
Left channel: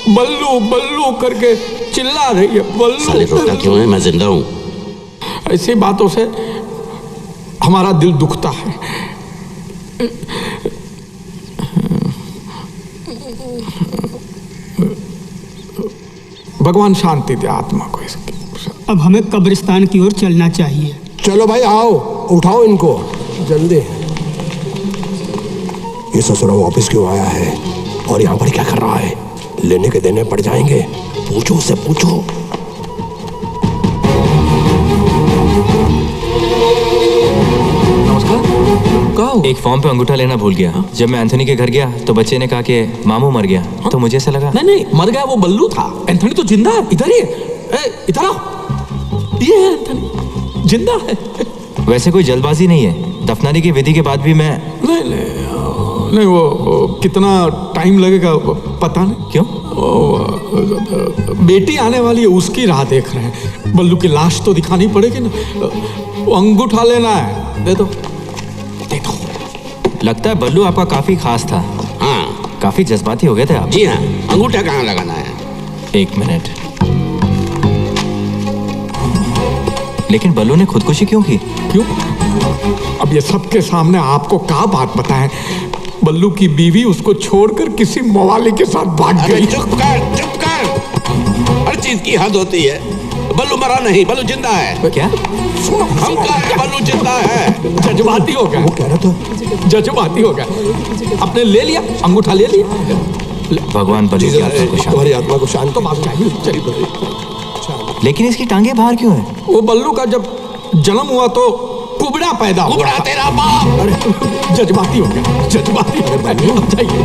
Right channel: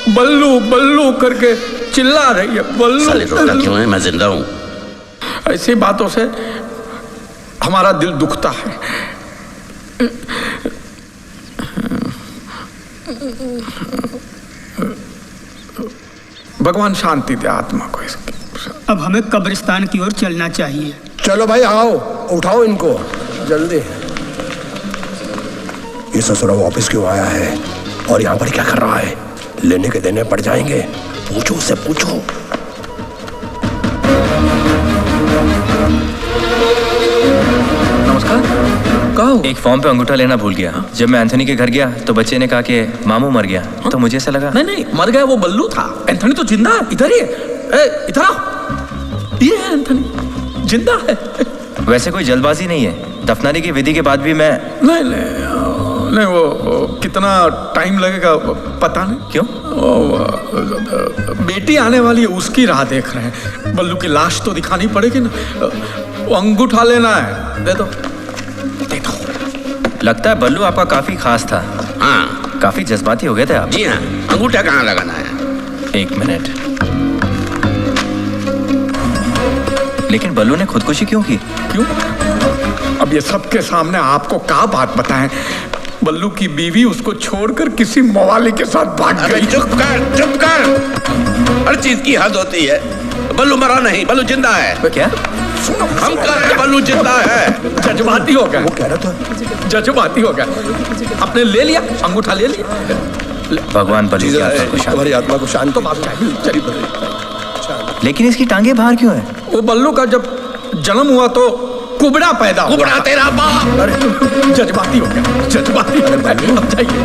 बल्लू बल्लू करके चिल्ला रही है। बल्लू साले रोता क्यों है? मैं जिंदा हूं। ऐसी बातों से हमारा दिल दुखता है। भगवान शांति दे आत्मा को इसकी। अब हमें कब्रिस्तान की ओर चलना चाहिए। चलो भाई आओ, उठाओ इनको जल्दी। ये ससुरा वापस क्यों आया है और यहाँ पर क्या कर रहा है? लेने के देने पड़ जाएंगे। पूछो उससे, पूछो। नमस्कार। का हुआ? एक फॉर्म पे अंगूठा लेना भूल गया। जब मैं एंथनी के घर गया तो बच्चे ने कहा कि मामू मर गया। तो मुझे ऐसा लगा नहीं मर गया वो बल्लू था। एंथनी तो जिंदा है। इधर ही है, इधर आओ। ये है एंथनी, जिंदा है। वैसे कोई जल्दबाजी नहीं है। दफनाने की विधि के बाद भी मैं नहीं वो कितना टाइम लगेगा पता नहीं। क्यों? बेटी आने वाली है, उसकी राह देख रहे हैं। बल्लू की लाश तो दिखानी पड़ेगी ना। वो अंगूठा लेना है, दे दो। लगता है बल्लू आपका काफी खास था। हाँ, काफी जज्बाती हो गए थे आप। जी हाँ। अंगूठा कहाँ लगाना है? 1 मिनट। लेकिन बल्लू ने खुदकुशी क्यों की? क्यों? अब ये सबके सामने आपको क्या बात बताएं? बल्लू की बीवी उसको छोड़कर किसी मवाली के साथ भाग गई। चुप कर। हर चीज की हद होती है। बल्लू मरा नहीं, बल्लू जिंदा है। क्या? हम कहते बल्लू जिंदा है। जज्बाती हो गया। वो कह रहा था जज्बाती हो गया। आपने ले लिया अंगूठा, ले लिया। भगवान बल्लू की आत्मा को शांति। तुम्हारी आत्मा को शांति। लेकिन इसकी टांगे बाहर क्यों है? वो बल्लू का जब जन्म हुआ तो कुबड़ा पैदा हुआ। कुबड़ा तेरा बाप। अरे जज्बाती हो गया, जज्बाती। अरे जाइए।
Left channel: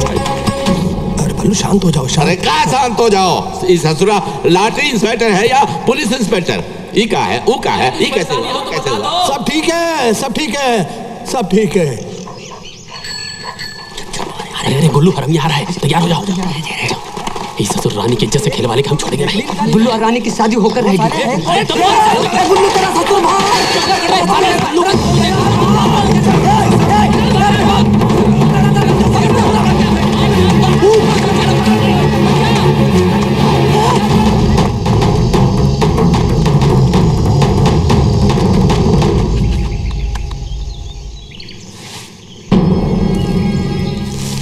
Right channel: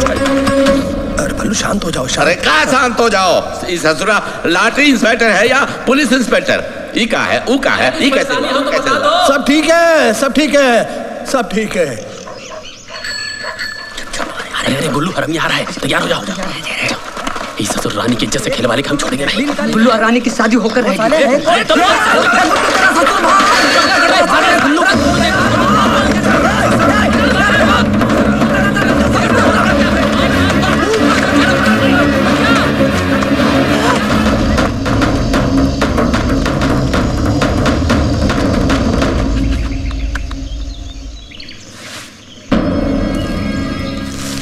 अरे बल्लू शांत हो जाओ। अरे कहाँ शांत हो जाओ? इस ससुरा लॉटरी इंस्पेक्टर है या पुलिस इंस्पेक्टर? ई का है, ऊ का है, ई कैसे हुआ? सब ठीक है, सब ठीक है, सब ठीक है। अरे गुल्लू हरम आ रहा है, तैयार हो जाओ। इस ससुर रानी की इज्जत से खिलवाने के हम छोड़ेंगे नहीं। गुल्लू और रानी की शादी होकर रहेगी। गुल्लू तेरा ससुर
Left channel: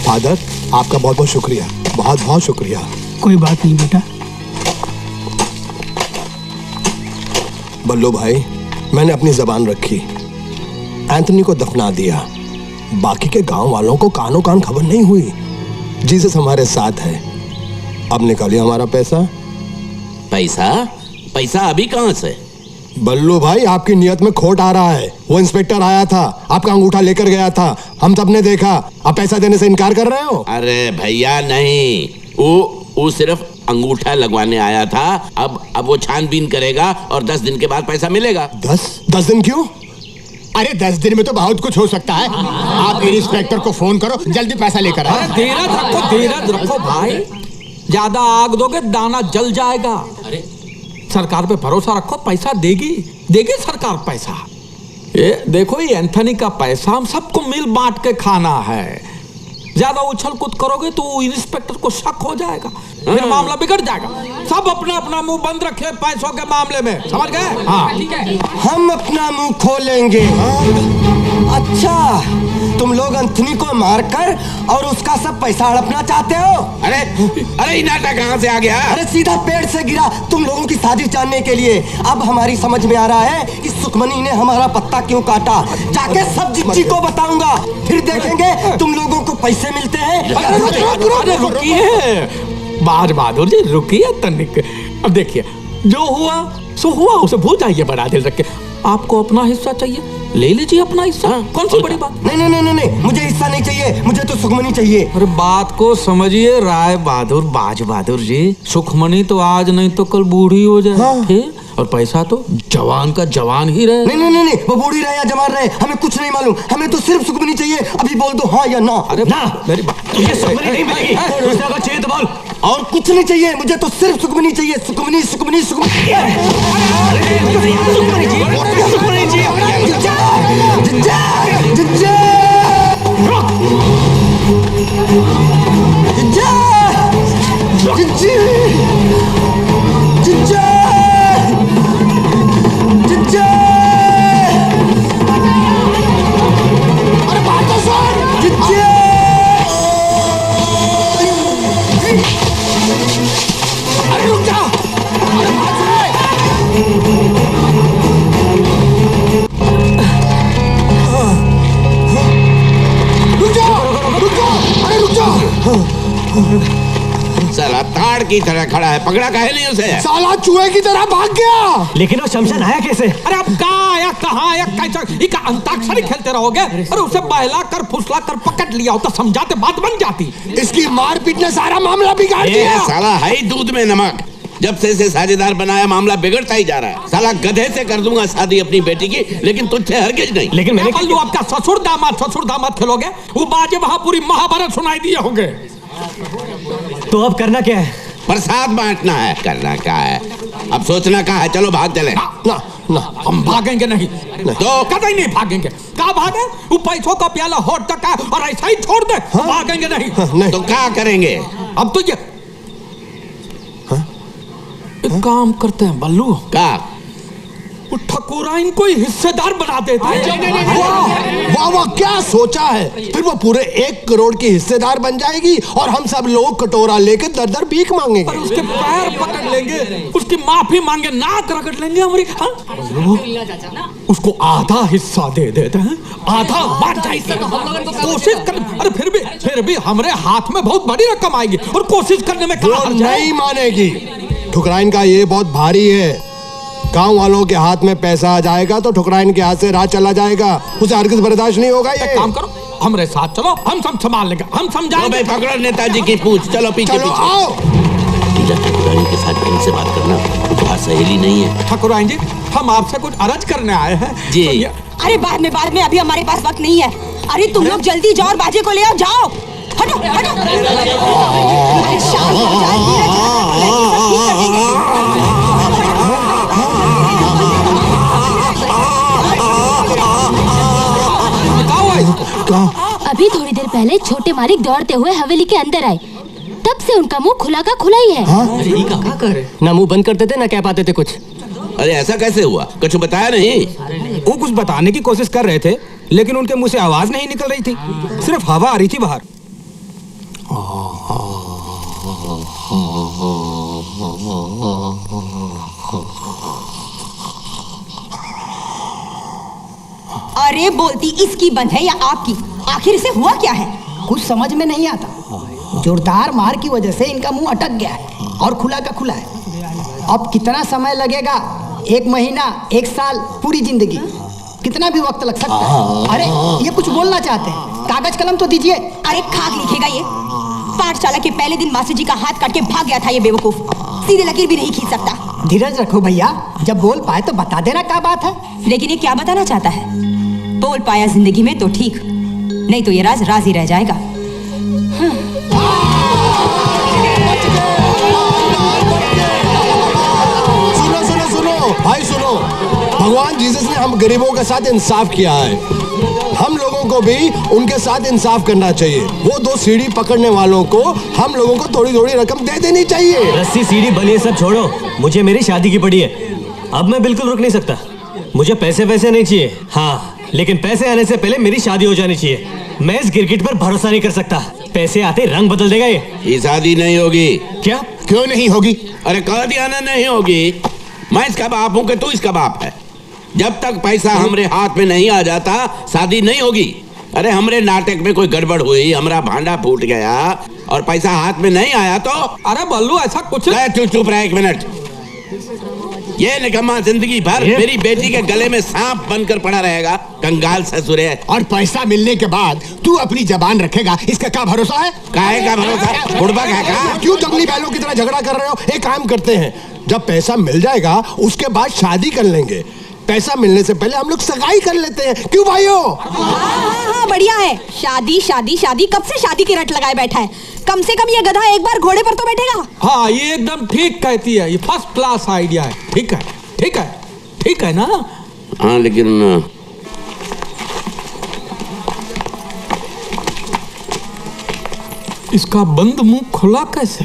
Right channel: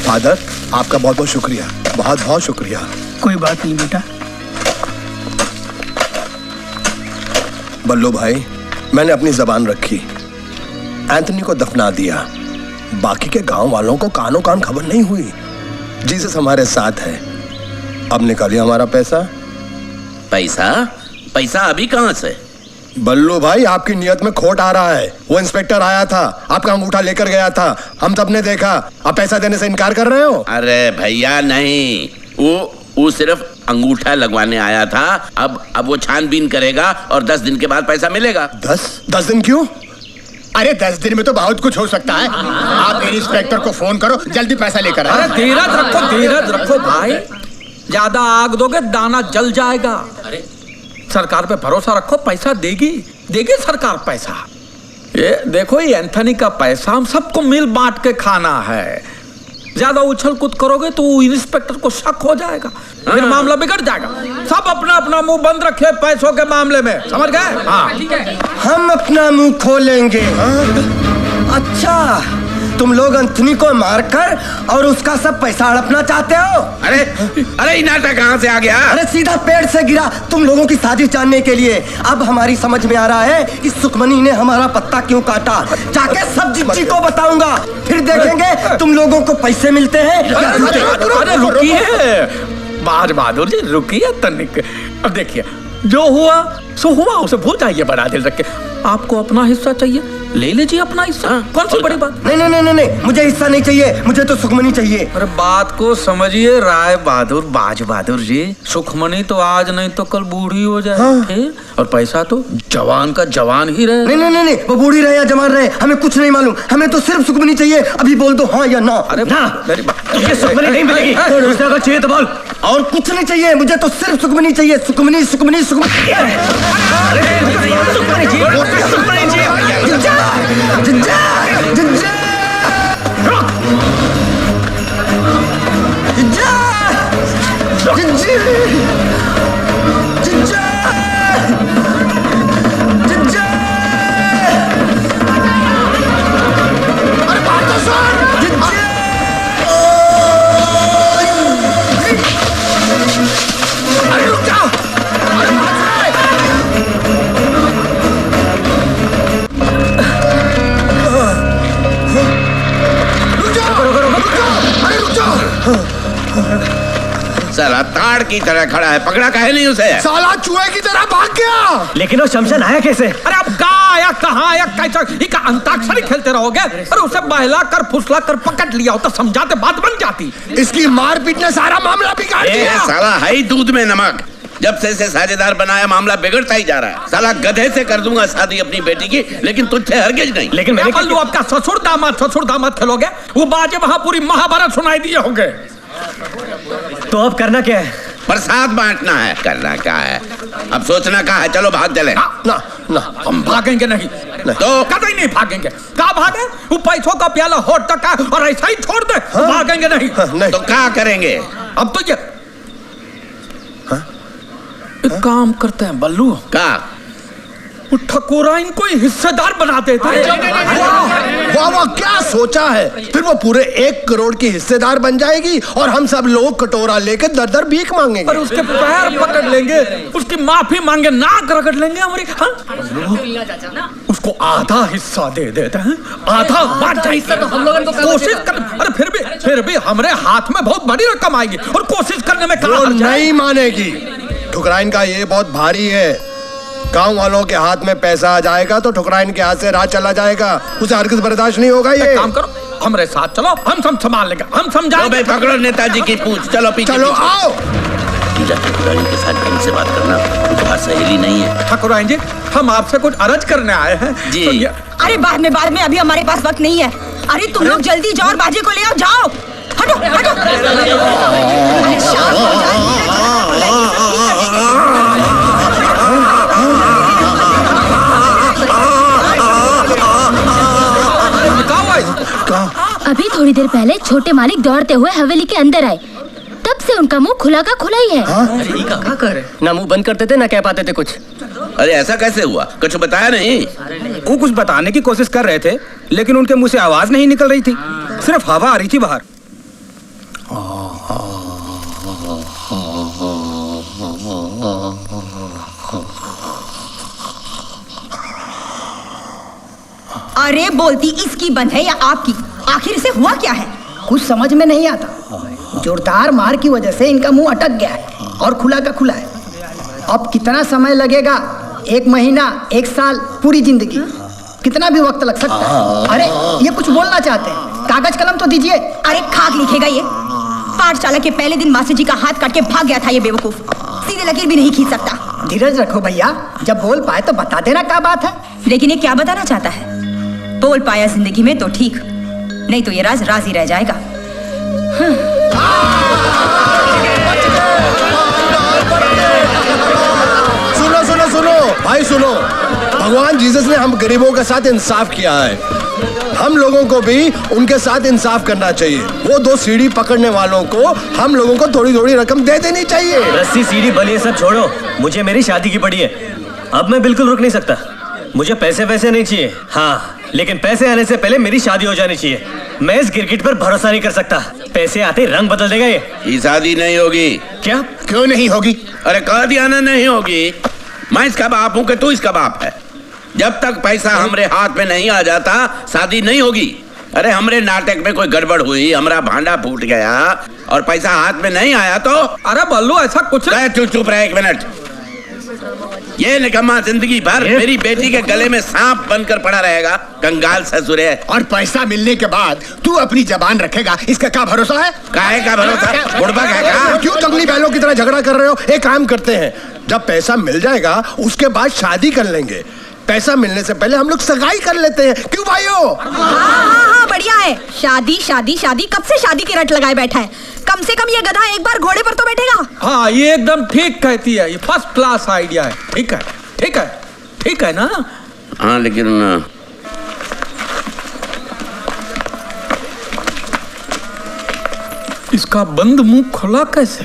फादर, आपका बहुत बहुत शुक्रिया, बहुत बहुत शुक्रिया। कोई बात नहीं बेटा। बल्लू भाई, मैंने अपनी जबान रखी, एंथनी को दफना दिया। बाकी के गांव वालों को कानों कान खबर नहीं हुई। जीसस हमारे साथ है। अब निकालिए हमारा पैसा। पैसा? पैसा अभी कहाँ से? बल्लू भाई, आपकी नियत में खोट आ रहा है। वो इंस्पेक्टर आया था, आपका अंगूठा लेकर गया था, हम सबने देखा। आप पैसा देने से इनकार कर रहे हो? अरे भैया नहीं, वो सिर्फ अंगूठा लगवाने आया था। अब वो छानबीन करेगा और 10 दिन के बाद पैसा मिलेगा। 10 दिन क्यों? अरे 10 दिन में तो बहुत कुछ हो सकता है। आप इंस्पेक्टर को फोन करो, जल्दी पैसा लेकर आओ। अरे धीरज रखो भाई। ज्यादा आग दोगे दाना जल जाएगा। अरे सरकार पे भरोसा रखो, पैसा देगी सरकार पैसा। ये देखो, ये एंथनी का पैसा हम सबको मिल बांट के खाना है। ज्यादा उछल कूद करोगे तो इंस्पेक्टर को शक हो जाएगा, फिर मामला बिगड़ जाएगा। सब अपना अपना मुंह बंद रखे पैसों के मामले में, समझ गए? हाँ। हम अपना मुंह खोलेंगे। अच्छा, तुम लोग एंथनी को मारकर और उसका सब पैसा हड़पना चाहते हो? अरे ये नाटक कहाँ से आ गया? अरे सीधा पेड़ से गिरा तुम लोगों की साजिश जानने के लिए। अब हमारी समझ में आ रहा है कि सुखमनी ने हमारा पत्ता क्यों काटा। जाके सब जिज्जी को बताऊंगा, फिर देखेंगे तुम लोगों को पैसे मिलते हैं। अरे रुकिए बाज बहादुर जी, रुकिए तनिक। अब देखिए, जो हुआ सो हुआ, उसे भूल जाइए बड़ा दिल रख के। आपको अपना हिस्सा चाहिए, ले लीजिए अपना हिस्सा। कौन सी बड़ी बात? नहीं, मुझे हिस्सा नहीं चाहिए, मुझे तो सुखमनी चाहिए। अरे बात को समझिए राय बहादुर, बाज बहादुर जी। सुखमनी तो आज नहीं तो कल बूढ़ी हो जाए। हाँ। और पैसा तो जवान का जवान ही रहे। नहीं, वो बूढ़ी रहे या जवान रहे, हमें कुछ नहीं मालूम। हमें तो सिर्फ सुखमनी चाहिए। अभी बोल दो हाँ या ना। अरे ना, मेरी बात, ये सुखमनी नहीं मिलेगी। अगर चाहिए तो बोल। और कुछ नहीं चाहिए, मुझे तो सिर्फ सुखमनी चाहिए। सुखमनी। साला ताड़ की तरह खड़ा है, पकड़ा काहे नहीं उसे? साला चूहे की तरह भाग गया। लेकिन वो शमशान आया कैसे? अरे अब कहाँ आया, कहाँ आया, कैसा? ये का अंताक्षरी खेलते रहोगे? अरे उसे बहला कर फुसला कर पकड़ लिया होता, समझाते बात बन जाती। इसकी मारपीट ने सारा मामला बिगाड़ दिया। साला है ही दूध में नमक। जब से इसे साझेदार बनाया मामला बिगड़ता ही जा रहा है। साला गधे से कर दूंगा शादी अपनी बेटी की, लेकिन तुझसे हरगिज नहीं। लेकिन मैंने पल्लू आपका ससुर दामाद खेलोगे? वो बाजे वहां पूरी महाभारत सुनाई दिए होंगे। तो अब करना क्या है? प्रसाद बांटना है। करना क्या है? अब सोचना क्या है? चलो भाग चले। ना ना हम भागेंगे नहीं, तो कतई नहीं भागेंगे। कहाँ भागे? वो पैसों का प्याला होठ तक है और ऐसा ही छोड़ दे। भागेंगे नहीं। नहीं तो क्या करेंगे? अब तो ये एक काम करते हैं बल्लू, का वो ठकुरा इनको हिस्सेदार बना देते हैं। वाह वाह, क्या सोचा है? फिर वो पूरे 1 करोड़ की हिस्सेदार बन जाएगी और हम सब लोग कटोरा लेकर दर दर भीख मांगेंगे। पर उसके पैर पकड़ लेंगे, उसकी माफी मांगे, नाक रगड़ लेंगे हमारी। हाँ? उसको आधा हिस्सा दे देते हैं, आधा बांट जाएगी। कोशिश कर, अरे फिर भी हमारे हाथ में बहुत बड़ी रकम आएगी और कोशिश करने में वो नहीं मानेगी। ठुकराइन का ये बहुत भारी है। गांव वालों के हाथ में पैसा आ जाएगा तो ठुकराइन के हाथ से राज चला जाएगा। उसे हरगिज़ बर्दाश्त नहीं होगा। ये काम करो, हमारे साथ चलो, हम सब संभाल लेंगे, हम समझाएंगे। पकड़ो नेताजी की पूछ, चलो पीछे। चलो आओ। ठकुराइन के साथ ढंग से बात करना, वो सहेली नहीं है। ठकुराइन जी, हम आपसे कुछ अर्ज करने आए हैं जी। तो अरे बाद में, अभी हमारे पास वक्त नहीं है। अरे तुम लोग जल्दी जाओ और बाजे को ले आओ, जाओ। हटो हटो। अरे शाम हो जाए, अभी थोड़ी देर पहले छोटे मालिक दौड़ते हुए हवेली के अंदर आए, तब से उनका मुंह खुला का खुला ही है। अरे क्या करे? ना मुंह बंद करते थे ना कह पाते थे कुछ। अरे ऐसा कैसे हुआ? कुछ बताया नहीं? वो कुछ बताने की कोशिश कर रहे थे, लेकिन उनके मुंह से आवाज नहीं निकल रही थी, सिर्फ हवा आ रही थी बाहर। अरे बोलती इसकी बंद है या आपकी? आखिर इसे हुआ क्या है? कुछ समझ में नहीं आता। जोरदार मार की वजह से इनका मुंह अटक गया है और खुला का खुला है। अब कितना समय लगेगा? 1 महीना, 1 साल, पूरी जिंदगी, कितना भी वक्त लग सकता है। अरे ये कुछ बोलना चाहते हैं, कागज कलम तो दीजिए। अरे खाक लिखेगा ये? पाठशाला के पहले दिन मास्टर जी का हाथ काट के भाग गया था ये बेवकूफ, सीधे लकीर भी नहीं खींच सकता। धीरज रखो भैया, जब बोल पाए तो बता देना क्या बात है। लेकिन ये क्या बताना चाहता है? बोल पाया जिंदगी में तो ठीक, नहीं तो ये राज राज ही रह जाएगा। सुनो सुनो सुनो भाई सुनो, भगवान जीसस ने हम गरीबों के साथ इंसाफ किया है। हम लोगों को भी उनके साथ इंसाफ करना चाहिए। वो 2 सीढ़ी पकड़ने वालों को हम लोगों को थोड़ी थोड़ी रकम दे देनी चाहिए। रस्सी सीढ़ी बलिए सब छोड़ो, मुझे मेरी शादी की पड़ी है। अब मैं बिल्कुल रुक नहीं सकता। मुझे पैसे नहीं चाहिए, हाँ, लेकिन पैसे आने से पहले मेरी शादी हो जानी चाहिए। मैं इस गिरगिट पर भरोसा नहीं कर सकता। पैसे आते रंग बदल देगा ये शादी नहीं होगी। क्या? क्यों नहीं होगी? अरे कह दिया ना नहीं होगी। मैं इसका बाप हूं कि तू इसका बाप है। जब तक पैसा हमरे हाथ में नहीं आ जाता शादी नहीं होगी। अरे हमरे नाटक में कोई गड़बड़ हुई, हमारा भांडा फूट गया और पैसा हाथ में नहीं आया तो? अरे बल्लू ऐसा कुछ नहीं। चुप रहा 1 मिनट। ये निकम्मा जिंदगी भर मेरी बेटी के गले में सांप बनकर पड़ा रहेगा। कंगाल ससुर है। और पैसा मिलने के बाद तू अपनी जबान रखेगा, इसका क्या भरोसा है? काहे का भरोसा? बुड़बक है का? क्यों जंगली बैलों की तरह झगड़ा कर रहे हो? एक काम करते हैं, जब पैसा मिल जाएगा उसके बाद शादी कर लेंगे। पैसा मिलने से पहले हम लोग सगाई कर लेते हैं, क्यों भाइयों? हाँ, बढ़िया है। शादी शादी शादी, कब से शादी की रट लगाए बैठा है। कम से कम ये गधा एक बार घोड़े पर तो बैठेगा। हाँ, ये एकदम ठीक कहती है, ये फर्स्ट क्लास आइडिया है। ठीक है, ठीक है, ठीक है ना? हाँ, लेकिन इसका बंद मुंह खुला कैसे?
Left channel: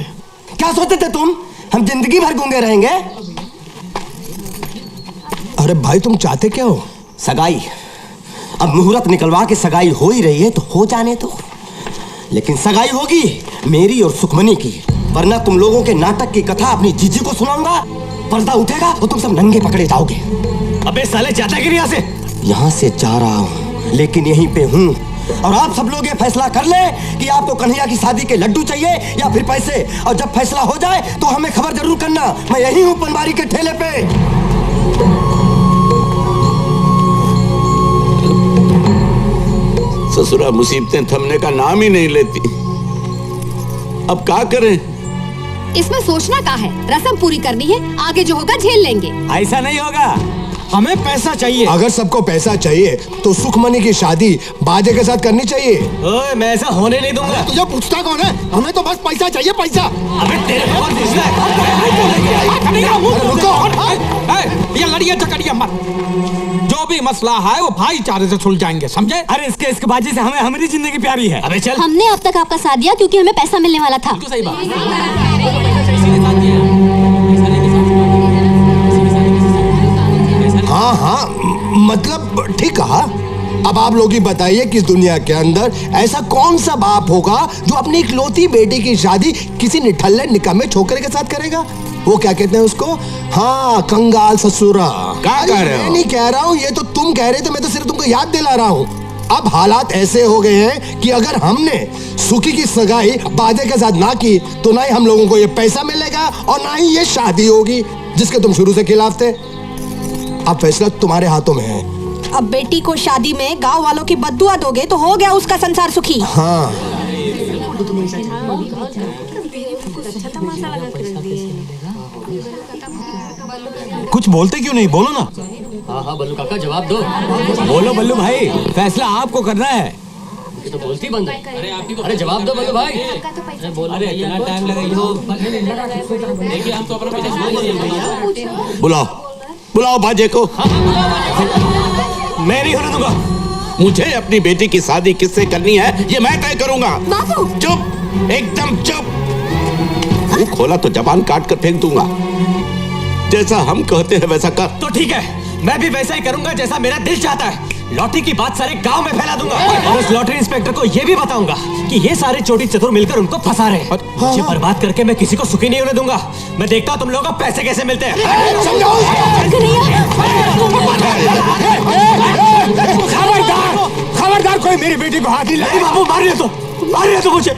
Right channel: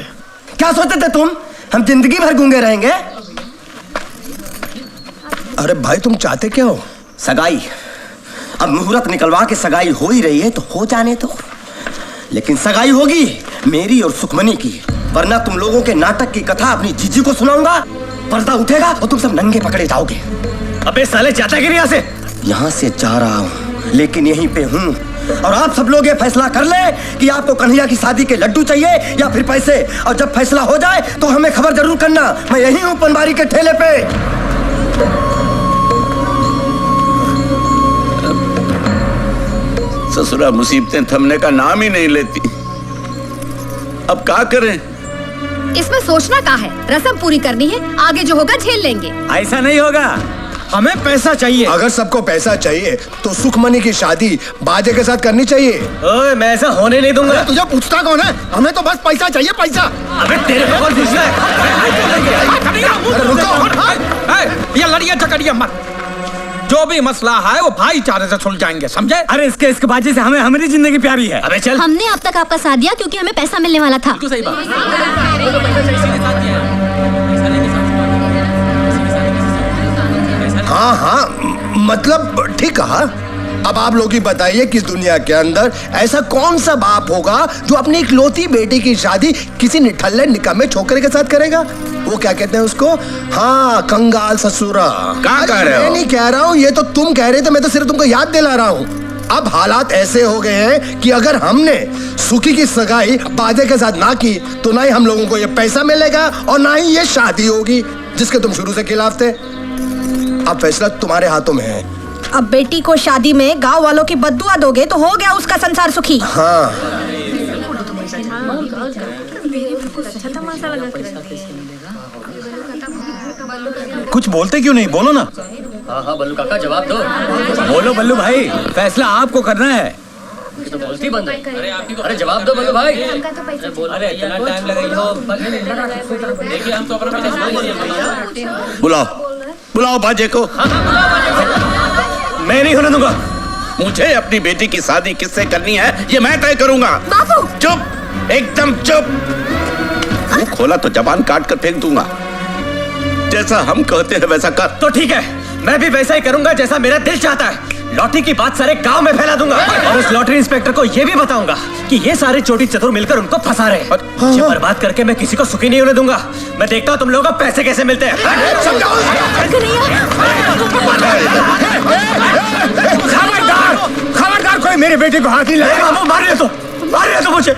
क्या सोचते थे तुम? हम जिंदगी भर गूंगे रहेंगे? अरे भाई तुम चाहते क्या हो? सगाई। अब मुहूर्त निकलवा के सगाई हो ही रही है तो हो जाने दो। लेकिन सगाई होगी मेरी और सुखमनी की, वरना तुम लोगों के नाटक की कथा अपनी जीजी को सुनाऊंगा, पर्दा उठेगा और तुम सब नंगे पकड़े जाओगे। अबे साले जाता कि नहीं यहाँ से? यहाँ से जा रहा हूँ, लेकिन यहीं पे हूँ और आप सब लोग ये फैसला कर ले कि आपको कन्हैया की शादी के लड्डू चाहिए या फिर पैसे। और जब फैसला हो जाए तो हमें खबर जरूर करना। मैं यही हूँ पनवारी के ठेले पे। ससुरा मुसीबतें थमने का नाम ही नहीं लेती। अब क्या करें? इसमें सोचना क्या है, रस्म पूरी करनी है, आगे जो होगा झेल लेंगे। ऐसा नहीं होगा, हमें पैसा चाहिए। अगर सबको पैसा चाहिए तो सुखमनी की शादी बाजे के साथ करनी चाहिए। ओए, मैं ऐसा होने नहीं दूंगा। तुझे पूछता कौन है? हमें तो बस पैसा चाहिए, पैसा। अबे तेरे को कौन पूछता है? ये लड़िए झगड़िए मत। जो भी मसला है वो भाईचारे से सुलझाएंगे, समझे? अरे इसके बाजी से हमें हमारी जिंदगी प्यारी है। अबे चल। हमने अब तक आपका साथ दिया क्योंकि हमें पैसा मिलने वाला था। सही बात। हाँ हाँ, मतलब ठीक कहा। अब आप लोग ही बताइए कि इस दुनिया के अंदर ऐसा कौन सा बाप होगा जो अपनी इकलौती बेटी की शादी किसी निठल्ले निकम्मे छोकरे के साथ करेगा? वो क्या कहते हैं उसको? हाँ, कंगाल ससुरा। क्या कह रहे हो? मैं नहीं कह रहा हूँ, ये तो तुम कह रहे थे, मैं तो सिर्फ तुमको याद दिला रहा हूँ। अब हालात ऐसे हो गए हैं कि अगर हमने सुखी की सगाई बाजे के साथ ना की तो ना ही हम लोगों को ये पैसा मिलेगा और ना ही ये शादी होगी जिसके तुम शुरू से खिलाफ थे। अब फैसला तुम्हारे हाथों में है। अब बेटी को शादी में गांव वालों की बद्दुआ दोगे तो हो गया उसका संसार सुखी। हाँ। कुछ बोलते क्यों नहीं? बोलो ना। हाँ बल्लू काका जवाब दो। बोलो बल्लू भाई, फैसला आपको करना है। ये तो बोलती बंद है। अरे जवाब दो बल्लू भाई। अरे इतना टाइम लगेगा। देखिए हम तो अपना बुलाओ बुलाओ बाजे को। मैं नहीं होने दूंगा। मुझे अपनी बेटी की शादी किससे करनी है ये मैं तय करूंगा। बाबू चुप, एकदम चुप। मुंह खोला तो जबान काट कर फेंक दूंगा। जैसा हम कहते हैं वैसा कर। तो ठीक है, मैं भी वैसा ही करूंगा जैसा मेरा दिल चाहता है। लॉटरी की बात सारे गांव में फैला दूंगा और उस लॉटरी इंस्पेक्टर को ये भी बताऊंगा कि ये सारे चोटी चतुर मिलकर उनको फंसा रहे हैं। मुझे बर्बाद करके मैं किसी को सुखी नहीं होने दूंगा। मैं देखता हूं तुम लोगों को पैसे कैसे मिलते हैं। खबरदार, कोई मेरे बेटे को हाथ नहीं लगाए। बाबू मार रहे तो मुझे।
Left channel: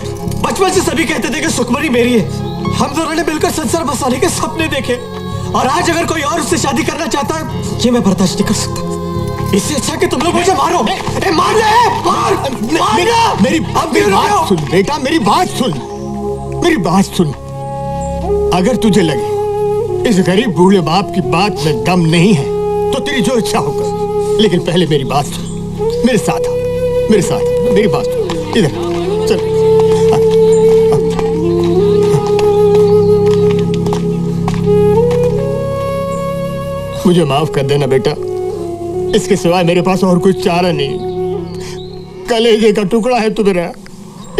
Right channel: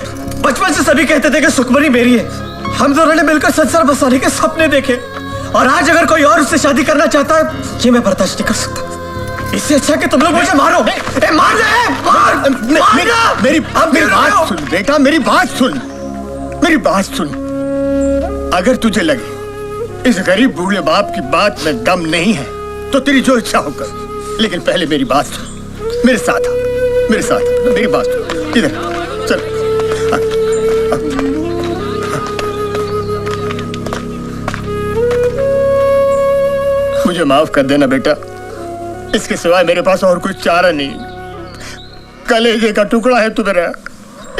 बचपन से सभी कहते थे कि सुखमनी मेरी है। हम दोनों ने मिलकर संसार बसाने के सपने देखे और आज अगर कोई और उससे शादी करना चाहता है ये मैं बर्दाश्त नहीं कर सकता। इससे अच्छा कि तुम लोग मुझे मारो। मार मेरी बात सुन बेटा, मेरी बात सुन। अगर तुझे लगे इस गरीब बूढ़े बाप की बात में दम नहीं है तो तेरी जो इच्छा होकर, लेकिन पहले मेरी बात सुन। मेरे साथ मेरी बात सुन। इधर चल। मुझे माफ कर देना बेटा, इसके सिवाय मेरे पास और कुछ चारा नहीं। कलेजे का टुकड़ा है तू मेरा,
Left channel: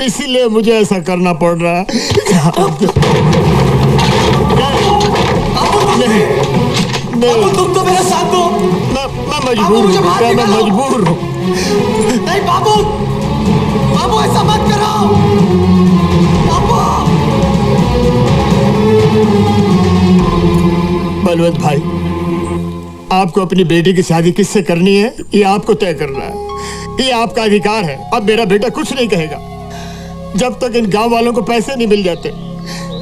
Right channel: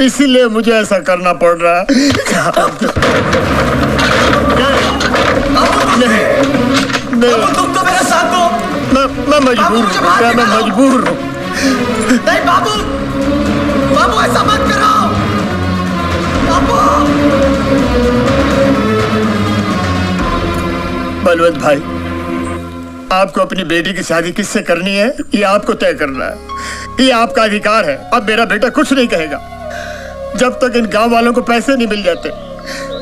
इसीलिए मुझे ऐसा करना पड़ रहा है। नहीं, तुम तो मेरा साथ दो। मैं मजबूर हूँ बेटा, मैं मजबूर हूँ। नहीं बाबू ऐसा मत करो। बलवंत भाई, आपको अपनी बेटी की शादी किससे करनी है ये आपको तय करना है। ये आपका अधिकार है। अब मेरा बेटा कुछ नहीं कहेगा जब तक इन गांव वालों को पैसे नहीं मिल जाते,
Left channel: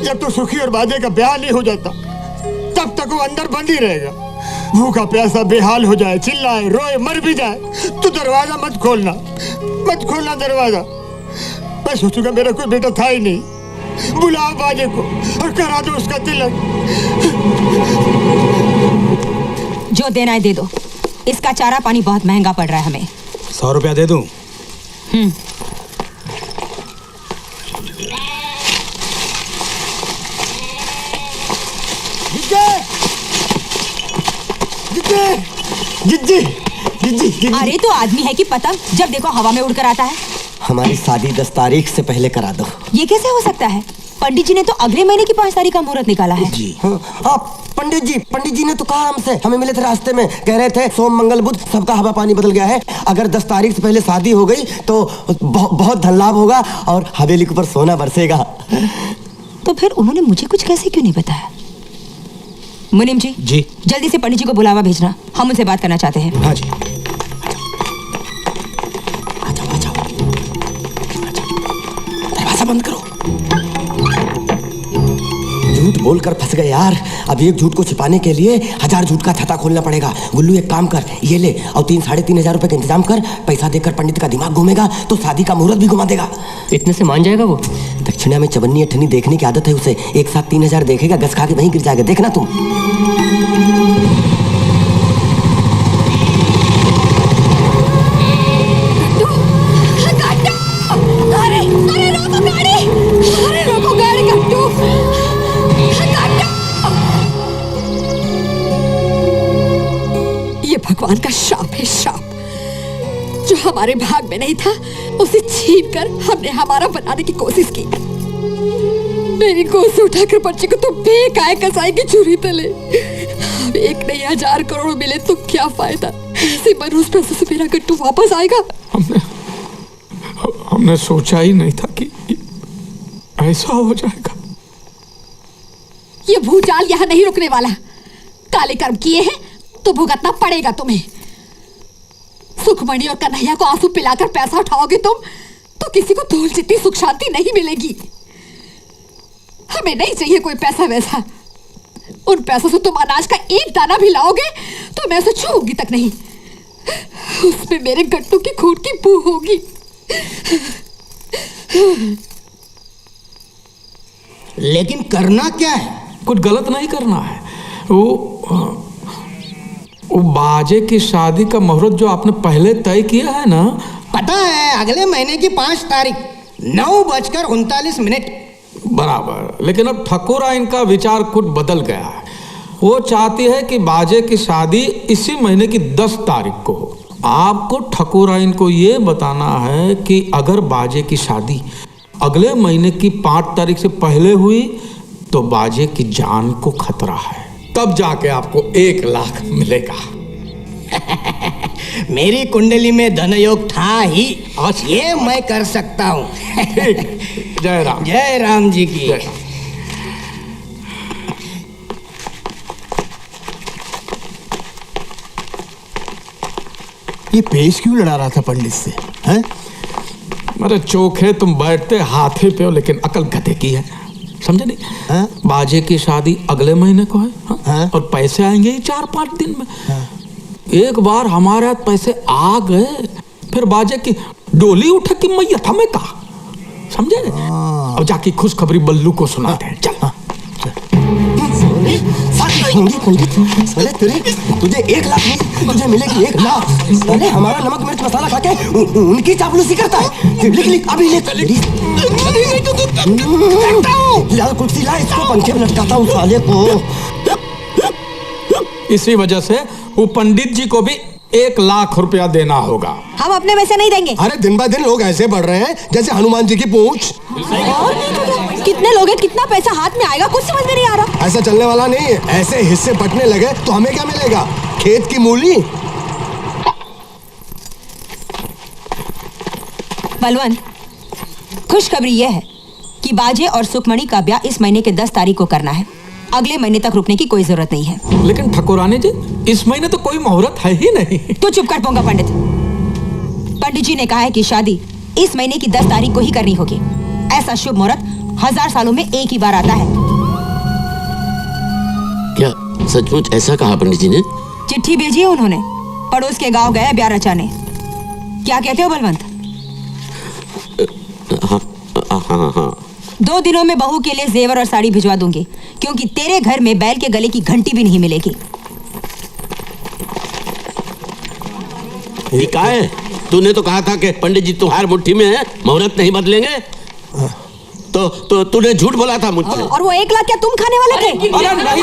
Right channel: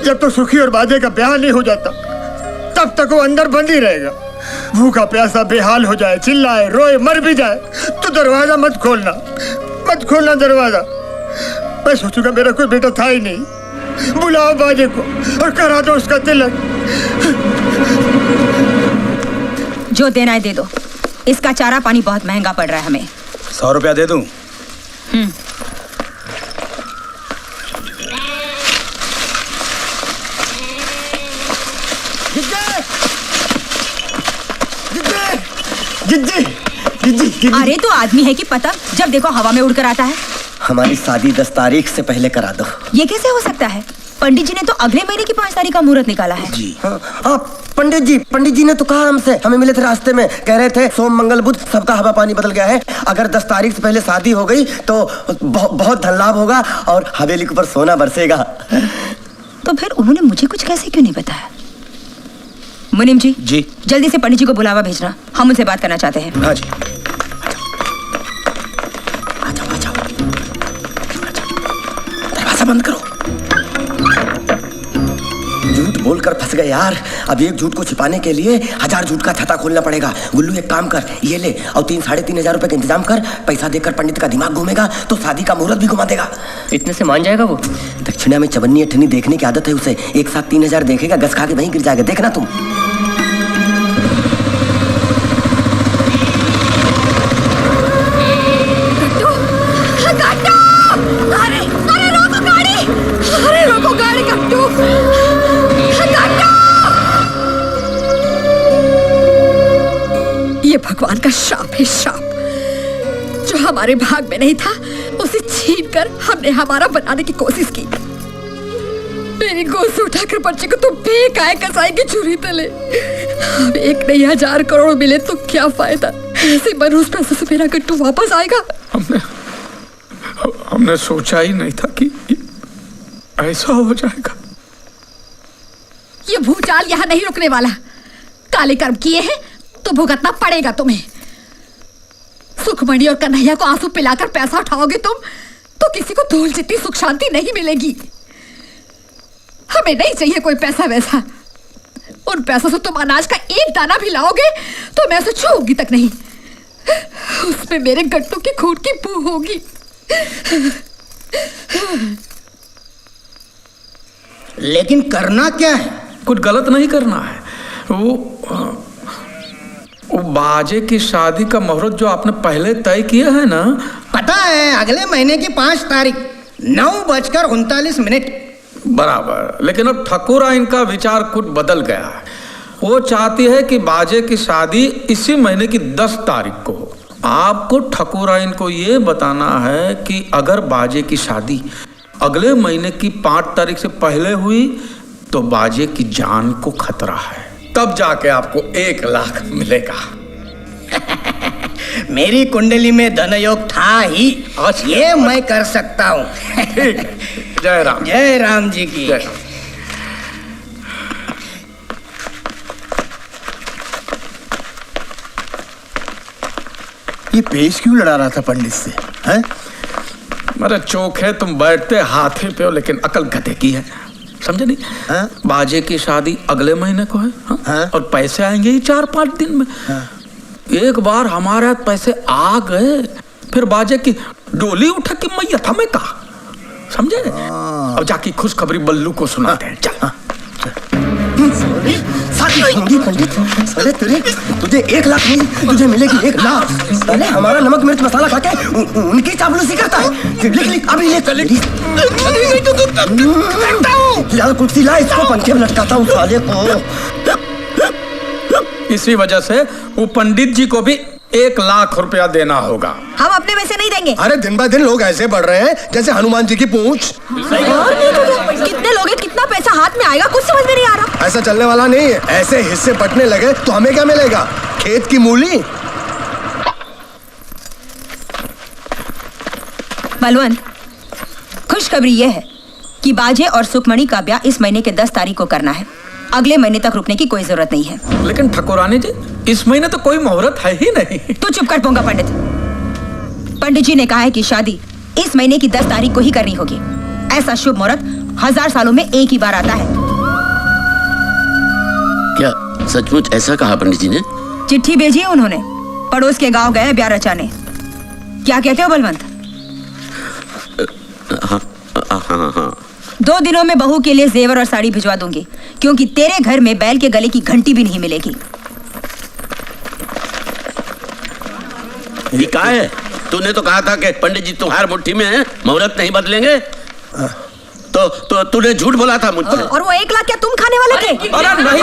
जब तक सुखी और बाजे का ब्याह नहीं हो जाता, तब तक वो अंदर बंद ही रहेगा। भूखा प्यासा बेहाल हो जाए, चिल्लाए, रोए, मर भी जाए तो दरवाजा मत खोलना दरवाजा। मैं सोचूंगा मेरा कोई बेटा था ही नहीं। बुलाओ बाजे को और करा दो उसका तिलक। जो देना है दे दो। इसका चारा पानी बहुत महंगा पड़ रहा है हमें। 100 रुपया दे दूं? जिज्जी। अरे तो आदमी है कि पतंग, जब देखो हवा में उड़कर आता है। हमारी शादी 10 तारीख से पहले करा दो। ये कैसे हो सकता है? पंडित जी ने तो अगले महीने की 5 तारीख का मुहूर्त निकाला है। जी हाँ, पंडित जी ने तो कहा हमसे, हमें मिले थे रास्ते में, कह रहे थे सोम मंगल बुध सबका हवा पानी बदल गया है। अगर 10 तारीख से पहले शादी हो गई तो बहुत धन लाभ होगा और हवेली के ऊपर सोना बरसेगा। तो फिर उन्होंने मुझे कुछ कैसे क्यों नहीं बताया? मुनीम जी जल्दी से पंडित जी को बुलावा भेजना, हम उनसे बात करना चाहते हैं। हाँ जी। बोलकर फंस गए यार। अब एक झूठ को छिपाने के लिए 1000 झूठ का छत्ता खोलना पड़ेगा। गुल्लू एक काम कर, ये ले और 3-3.5 रुपए का इंतजाम कर। पैसा देकर पंडित का दिमाग घूमेगा तो शादी का मुहूर्त भी घुमा देगा। इतने से मान जाएगा वो? दक्षिणा में चवन्नी अठन्नी देखने की आदत है उसे। एक साथ 3000 देखेगा, गस खा के वहीं गिर जाएगा, देखना तुम। ये भगवान का श्राप है, श्राप। जो हमारे भाग में नहीं था उसे छीनकर हमने हमारा बनाने की कोशिश की। मेरी गोद से उठाकर बच्चे को तो बेकाय कसाई की छुरी तले। अब 1 नहीं 1000 करोड़ मिले तो क्या फायदा? ऐसे मनुष्य पैसे से मेरा गट्टू वापस आएगा। हमने सोचा ही नहीं था कि ऐसा हो जाएगा। ये भूचाल यहाँ नहीं रुकने वाला। काले कर्म किए हैं तो भुगतना पड़ेगा तुम्हें। सुखमणि और कन्हैया को आंसू पिलाकर पैसा उठाओगे तुम तो किसी को धूल जितनी सुख शांति नहीं मिलेगी। हमें नहीं चाहिए कोई पैसा वैसा। उन पैसों से तुम अनाज का एक दाना भी लाओगे तो मैं उसे छूऊंगी तक नहीं। उसमें मेरे गट्टू की खून की बू होगी। लेकिन करना क्या है? कुछ गलत नहीं करना है। वो बाजे की शादी का मुहूर्त जो आपने पहले तय किया है ना, पता है अगले महीने की 5 तारीख 9:39। बराबर। लेकिन अब ठकुरा इनका विचार कुछ बदल गया है। वो चाहती है कि बाजे की शादी इसी महीने की 10 तारीख को हो। आपको ठकुरा इनको ये बताना है कि अगर बाजे की शादी अगले महीने की 5 तारीख से पहले हुई तो बाजे की जान को खतरा है। तब जाके आपको 1 लाख मिलेगा। मेरी कुंडली में धनयोग था ही, ये मैं कर सकता हूँ। ठीक। जय राम। जय राम जी की। जय राम। ये पेश क्यों लड़ा रहा था पंडित से? हैं? मेरे चोखे तुम बैठते हाथी पे हो लेकिन अकल गधे की है, समझे नहीं? हाँ? बाजे की शादी अगले महीने को है। हाँ? और पैसे आएंगे ही 4-5 दिन में। हाँ? एक बार हमारे हाथ पैसे आ गए फिर बाजे की डोली उठे कि मैया था मैं कहा, समझे? अब जाके खुशखबरी बल्लू को सुनाते हैं। चल। पंडित साले तुझे 1 लाख नहीं, तुझे मिलेगी 1 लाख। साले हमारा नमक मिर्च मसाला खा के उनकी चापलूसी करता है। लिख अभी लिख। यार कुर्सी ला, इसको पंखे में लटकाता हूँ साले को। इसी वजह से वो पंडित जी को भी 1 लाख रुपया देना होगा। हम अपने में से नहीं देंगे। अरे दिन ब दिन लोग ऐसे बढ़ रहे हैं जैसे हनुमान जी की पूंछ। कितने लोग हैं, कितना पैसा हाथ में आएगा, कुछ समझ में नहीं आ रहा। ऐसा चलने वाला नहीं है। ऐसे हिस्से बंटने लगे तो हमें क्या मिलेगा? खेत की मूली। बलवंत, खुशखबरी यह है कि बाजे और सुखमणि का ब्याह इस महीने के 10 तारीख को करना है। अगले महीने तक रुकने की कोई जरूरत नहीं है। लेकिन ठकुरानी जी, इस महीने तो कोई मुहूर्त है ही नहीं। तू चुप कर पोंगा पंडित। पंडित जी ने कहा है कि शादी इस महीने की 10 तारीख को ही करनी होगी। ऐसा शुभ मुहूर्त 1000 सालों में एक ही बार आता है। क्या सचमुच ऐसा कहा पंडित जी ने? चिट्ठी भेजी है उन्होंने। पड़ोस के गांव गए ब्याह रचाने। क्या कहते हो बलवंत? हाँ। 2 दिनों में बहू के लिए जेवर और साड़ी भिजवा दूंगी, क्योंकि तेरे घर में बैल के गले की घंटी भी नहीं मिलेगी। ये क्या है? तूने तो कहा था कि पंडित जी तुम्हारी मुट्ठी में है, मुहूर्त नहीं बदलेंगे। तो तूने झूठ बोला था मुझसे। और वो 1 लाख क्या तुम खाने वाले थे? अरे नहीं,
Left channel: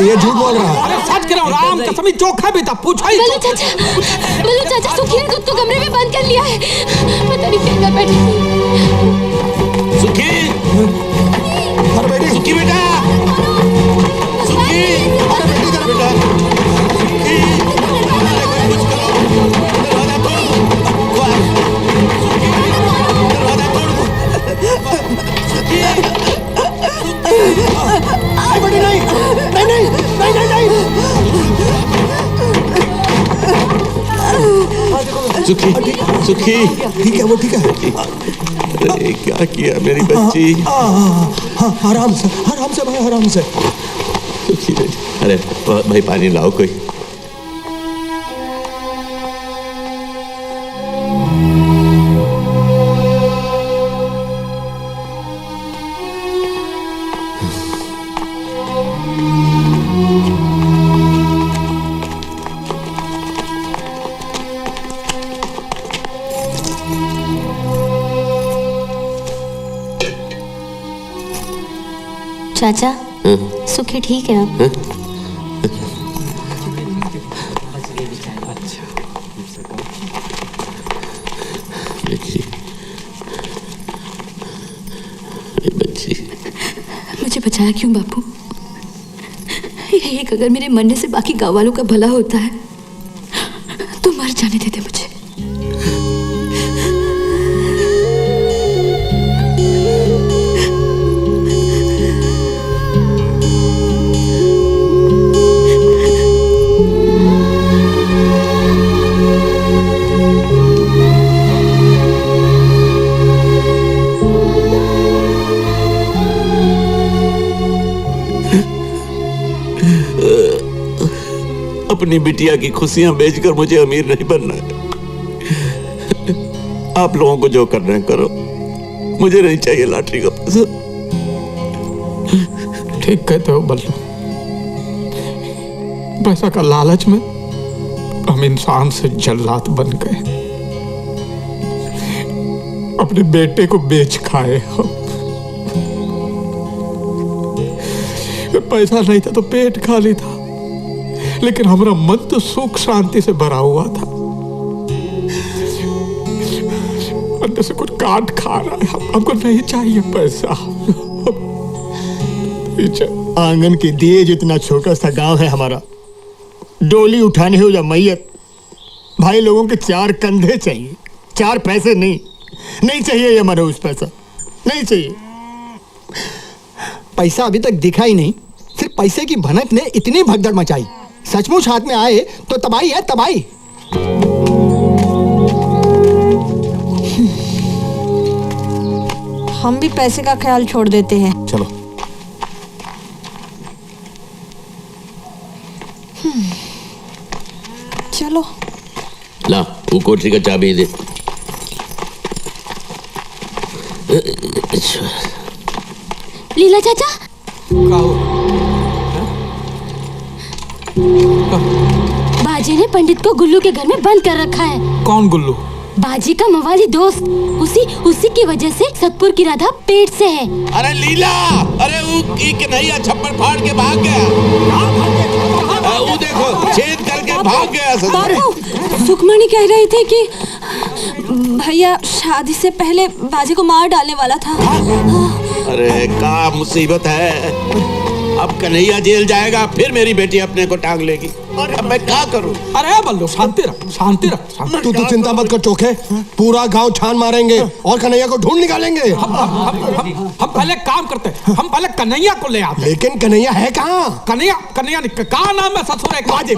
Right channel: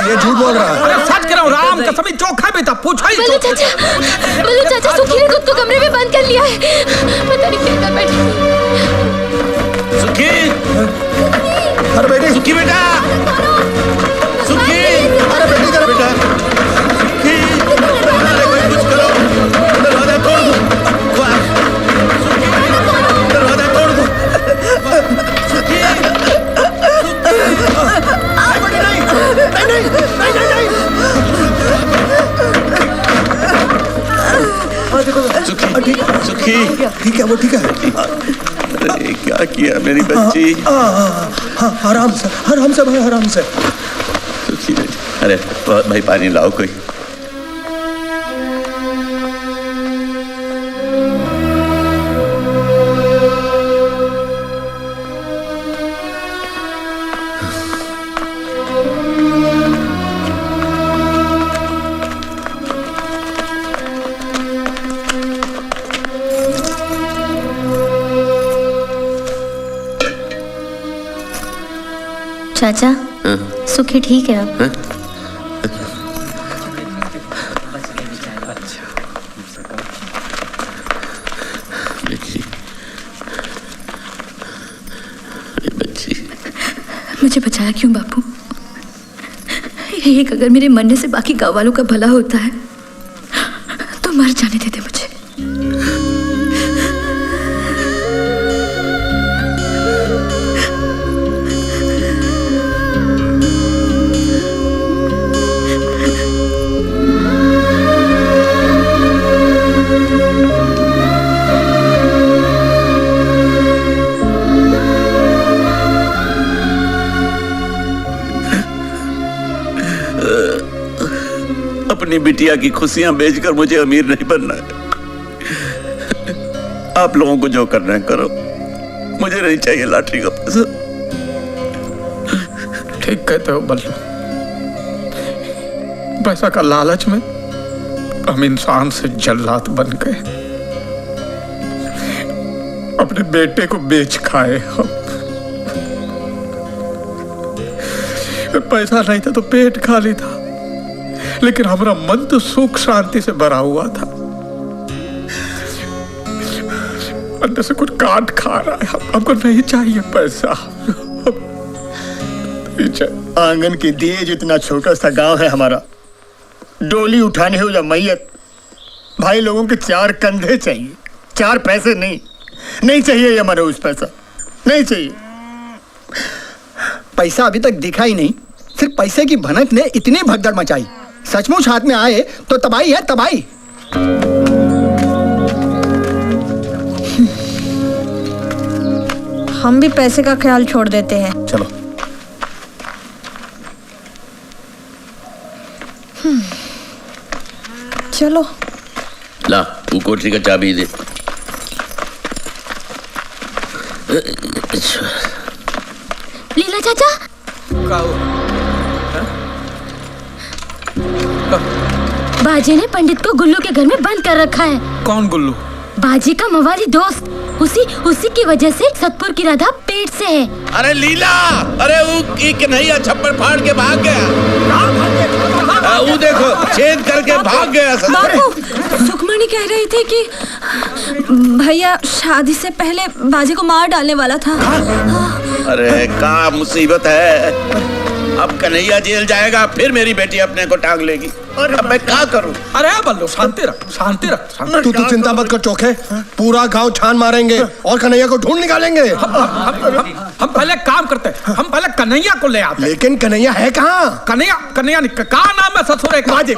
ये झूठ बोल रहा है। अरे सच कह रहा हूँ, राम कसम चोखा भी था। पूछा ही बल्लू चाचा सुखी ने खुद को कमरे में बंद कर लिया है। पता नहीं क्या कर बैठी। सुखी, अरे बेटी, सुखी बेटा, सुखी, अरे बेटी जरा बेटा, सुखी, कुछ करो, दरवाजा तोड़ दो, सुखी, दरवाजा तोड़ दो, सुखी, बेटी नहीं। सुखी, सुखी, ठीक है, वो ठीक है। अरे क्या किया मेरी बच्ची? आराम से भाई, आराम से। अरे भाई पानी लाओ कोई। चाचा, सुखी ठीक है अब? मुझे बचाया क्यों बापू? एक अगर मेरे मरने से बाकी गांव वालों का भला होता है तो मर जाने देते मुझे। अपनी बिटिया की खुशियां बेचकर मुझे अमीर नहीं बनना है। आप लोगों को जो करना है करो, मुझे नहीं चाहिए लॉटरी का पैसा। ठीक कहते हो बल्लू, पैसा का लालच में हम इंसान से जल्लाद बन गए, अपने बेटे को बेच खाए हम। पैसा नहीं था तो पेट खाली था, लेकिन हमारा मन तो सुख शांति से भरा हुआ था। अंदर से कुछ काट खा रहा है। हमको नहीं चाहिए पैसा। आंगन के दिए जितना छोटा सा गांव है हमारा, डोली उठाने हो या मैयत, भाई लोगों के 4 कंधे चाहिए, 4 पैसे नहीं चाहिए। ये मनोज पैसा नहीं चाहिए। पैसा अभी तक दिखा ही नहीं, सिर्फ पैसे की भनक ने इतनी भगदड़ मचाई। सचमुच हाथ में आए तो तबाही है तबाही। हम भी पैसे का ख्याल छोड़ देते हैं। चलो। चलो। ला वो कोठरी का चाबी दे। लीला चाचा, बाजे ने पंडित को गुल्लू के घर में बंद कर रखा है। कौन गुल्लू? बाजी का मवाली दोस्त। उसी की वजह से सतपुर की राधा पेट से है। अरे लीला, अरे वो कन्हैया छप्पर फाड़ के भाग गया। वो देखो छेद करके भाग गया। बापू, सुखमणि कह रही थी कि भैया शादी से पहले बाजी को मार डालने वाला था। अरे क्या मुसीबत है। अब कन्हैया जेल जाएगा, फिर मेरी बेटी अपने को टांग लेगी। अब मैं क्या करूं? अरे बल्लू शांति रख, शांति रख। तू चिंता मत कर चोखे, पूरा गांव छान मारेंगे और कन्हैया को ढूंढ निकालेंगे। हम पहले काम करते हैं, हम पहले कन्हैया को ले आते। लेकिन कन्हैया है कहाँ? कन्हैया कहाँ नाम है ससुर? बाजे।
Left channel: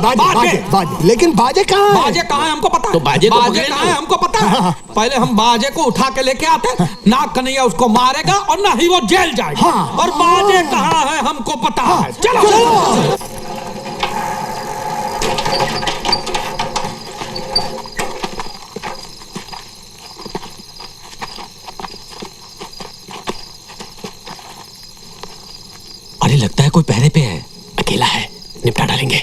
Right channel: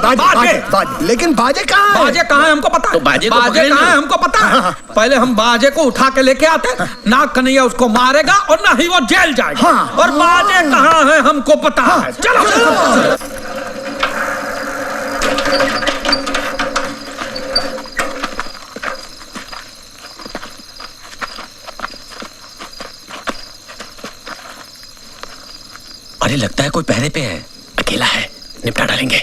लेकिन बाजे कहाँ है? बाजे कहाँ है हमको पता है। तो बाजे कहाँ है हमको पता है। पहले हम बाजे को उठा के लेके आते, ना कन्हैया उसको मारेगा और ना ही वो जेल जाएगा। और बाजे कहाँ है हमको पता है। चलो। अरे लगता है कोई पहरे पे है, अकेला है, निपटा डालेंगे।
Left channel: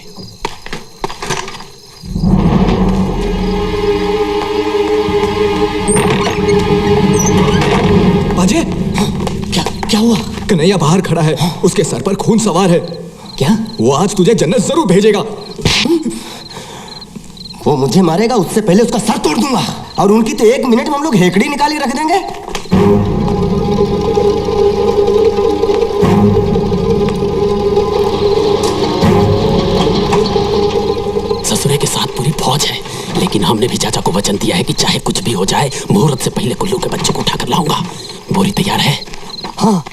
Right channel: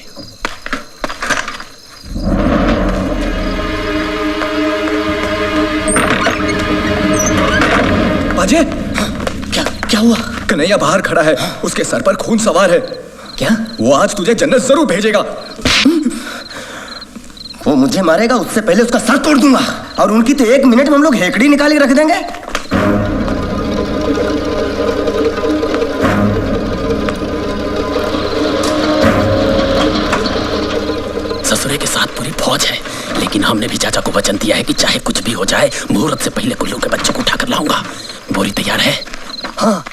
बाजे, क्या हुआ? कन्हैया बाहर खड़ा है, उसके सर पर खून सवार है। क्या? वो आज तुझे जन्नत जरूर भेजेगा। वो मुझे मारेगा, उससे पहले उसका सर तोड़ दूंगा। और उनकी तो 1 मिनट में हम लोग हेकड़ी निकाल के रख देंगे। ससुरे के साथ पूरी फौज है, लेकिन हमने भी चाचा को वचन दिया है कि चाहे कुछ भी हो जाए, मुहूर्त से पहले गुल्लू के बच्चे को उठाकर लाऊंगा। बोरी तैयार है? हाँ।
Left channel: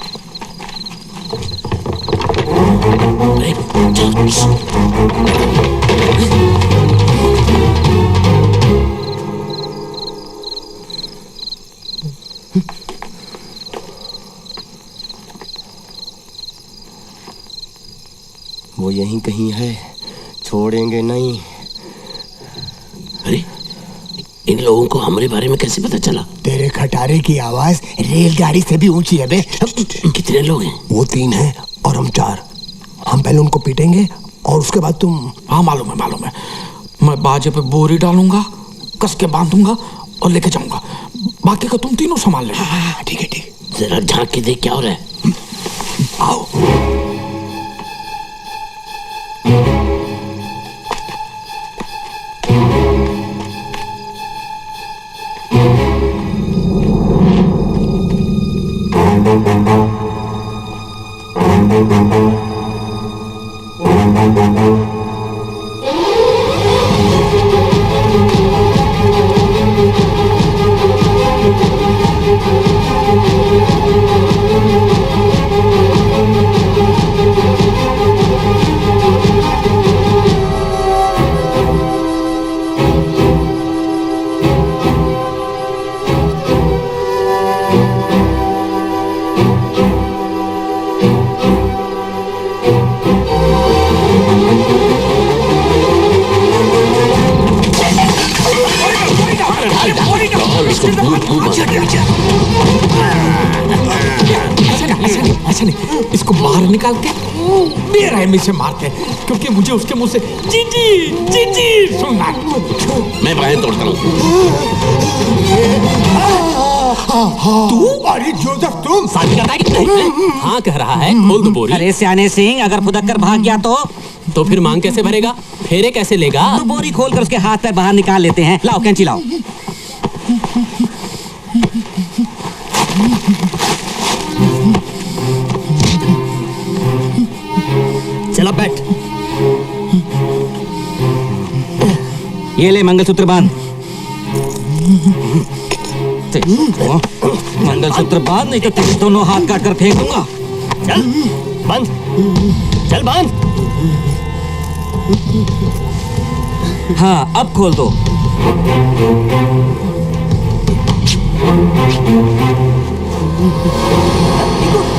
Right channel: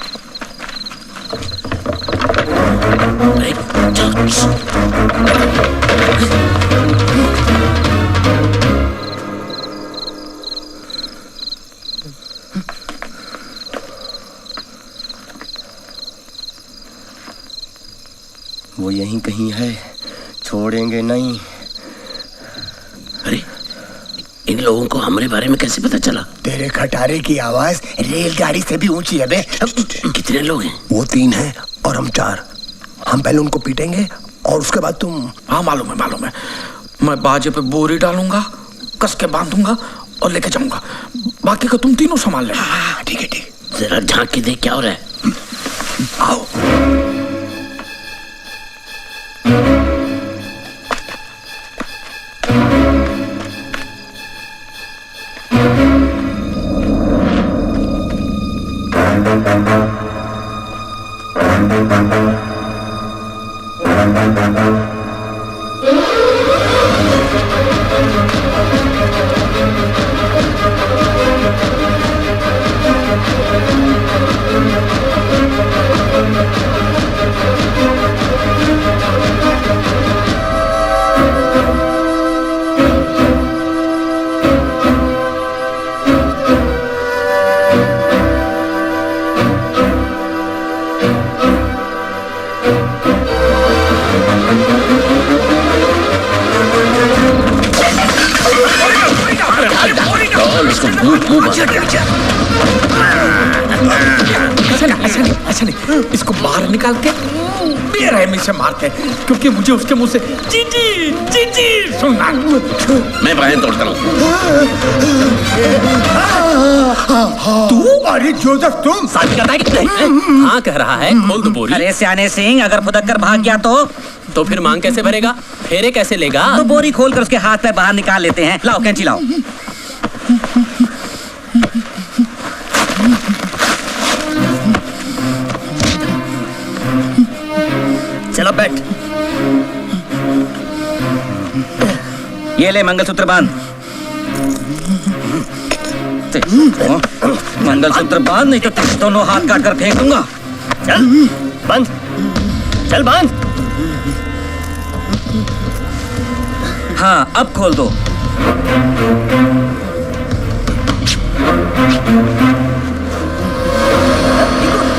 वो यहीं कहीं है, छोड़ेंगे नहीं। अरे इन लोगों को हमारे बारे में कैसे पता चला? तेरे खटारे की आवाज रेलगाड़ी से भी ऊंची है बे। कितने लोग हैं? वो 3 हैं और हम 4। हम पहले उनको पीटेंगे और उसके बाद तुम। हाँ मालूम है। मैं बाजे पे बोरी डालूंगा, कस के बांधूंगा और लेके जाऊंगा। बाकी का तुम तीनों संभाल लेना। हाँ ठीक है। जरा झांक के देख क्या हो रहा है। आओ। ऐसा नहीं, इसको बाहर निकाल के बेरहमी से मारते हैं, क्योंकि मुझे उसके मुंह से जी सुनना। मैं बाहें तोड़ता हूँ। तू? अरे जोसेफ तुम? शादी करता है कि नहीं? हाँ कह रहा है, खोल दो बोरी। अरे सियाने सिंह, अगर फुदक कर भाग गया तो फिर मांग कैसे भरेगा? फेरे कैसे लेगा? तो बोरी खोल कर उसके हाथ पैर बाहर निकाल लेते हैं। लाओ कैंची लाओ। चलो बैठ। ये ले मंगलसूत्र बांध। मंगलसूत्र बांध, नहीं तो तेरे दोनों हाथ काट कर फेंक दूंगा। चल बांध, चल बांध। हाँ अब खोल दो।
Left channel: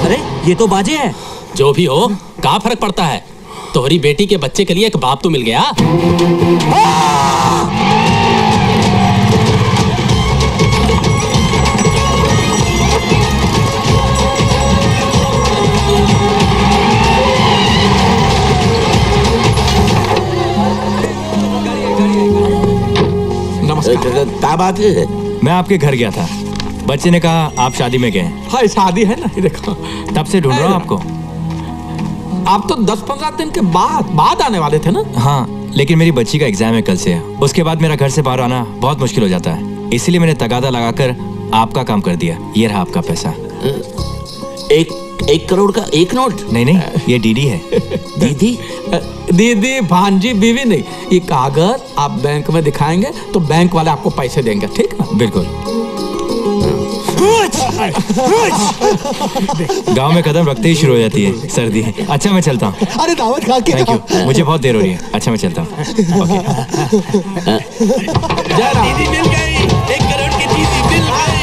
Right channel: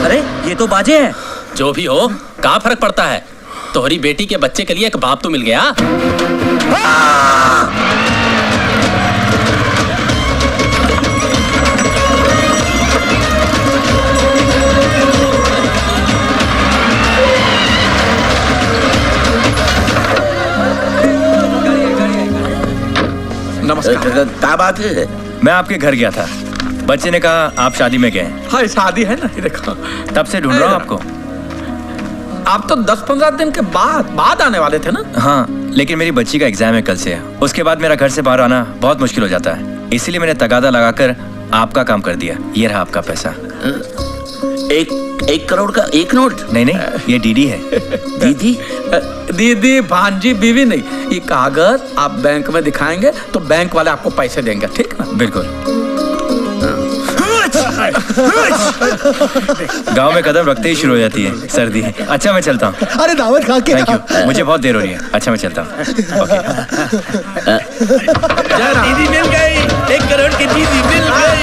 अरे ये तो बाजे है। जो भी हो, क्या फर्क पड़ता है? तोहरी बेटी के बच्चे के लिए एक बाप तो मिल गया। नमस्कार। क्या बात है? मैं आपके घर गया था, बच्चे ने कहा आप शादी में गए। हाँ शादी है ना, देखो तब से ढूंढ रहा हूँ आपको। आप तो 10-15 दिन के बाद आने वाले थे ना? हाँ, लेकिन मेरी बच्ची का एग्जाम है कल से। उसके बाद मेरा घर से बाहर आना बहुत मुश्किल हो जाता है, इसलिए मैंने तगादा लगाकर आपका काम कर दिया। ये रहा आपका पैसा। 1 करोड़ का 1 नोट? नहीं, ये डीडी है। दीदी भांजी बीवी नहीं, ये कागज आप बैंक में दिखाएंगे तो बैंक वाले आपको पैसे देंगे, ठीक ना? बिल्कुल। गांव में कदम रखते ही शुरू हो जाती है सर्दी। अच्छा मैं चलता हूँ। अरे दावत खा के। थैंक यू, मुझे बहुत देर हो रही है। अच्छा मैं चलता हूँ। दीदी मिल गई, 1 करोड़ की दीदी मिल गई।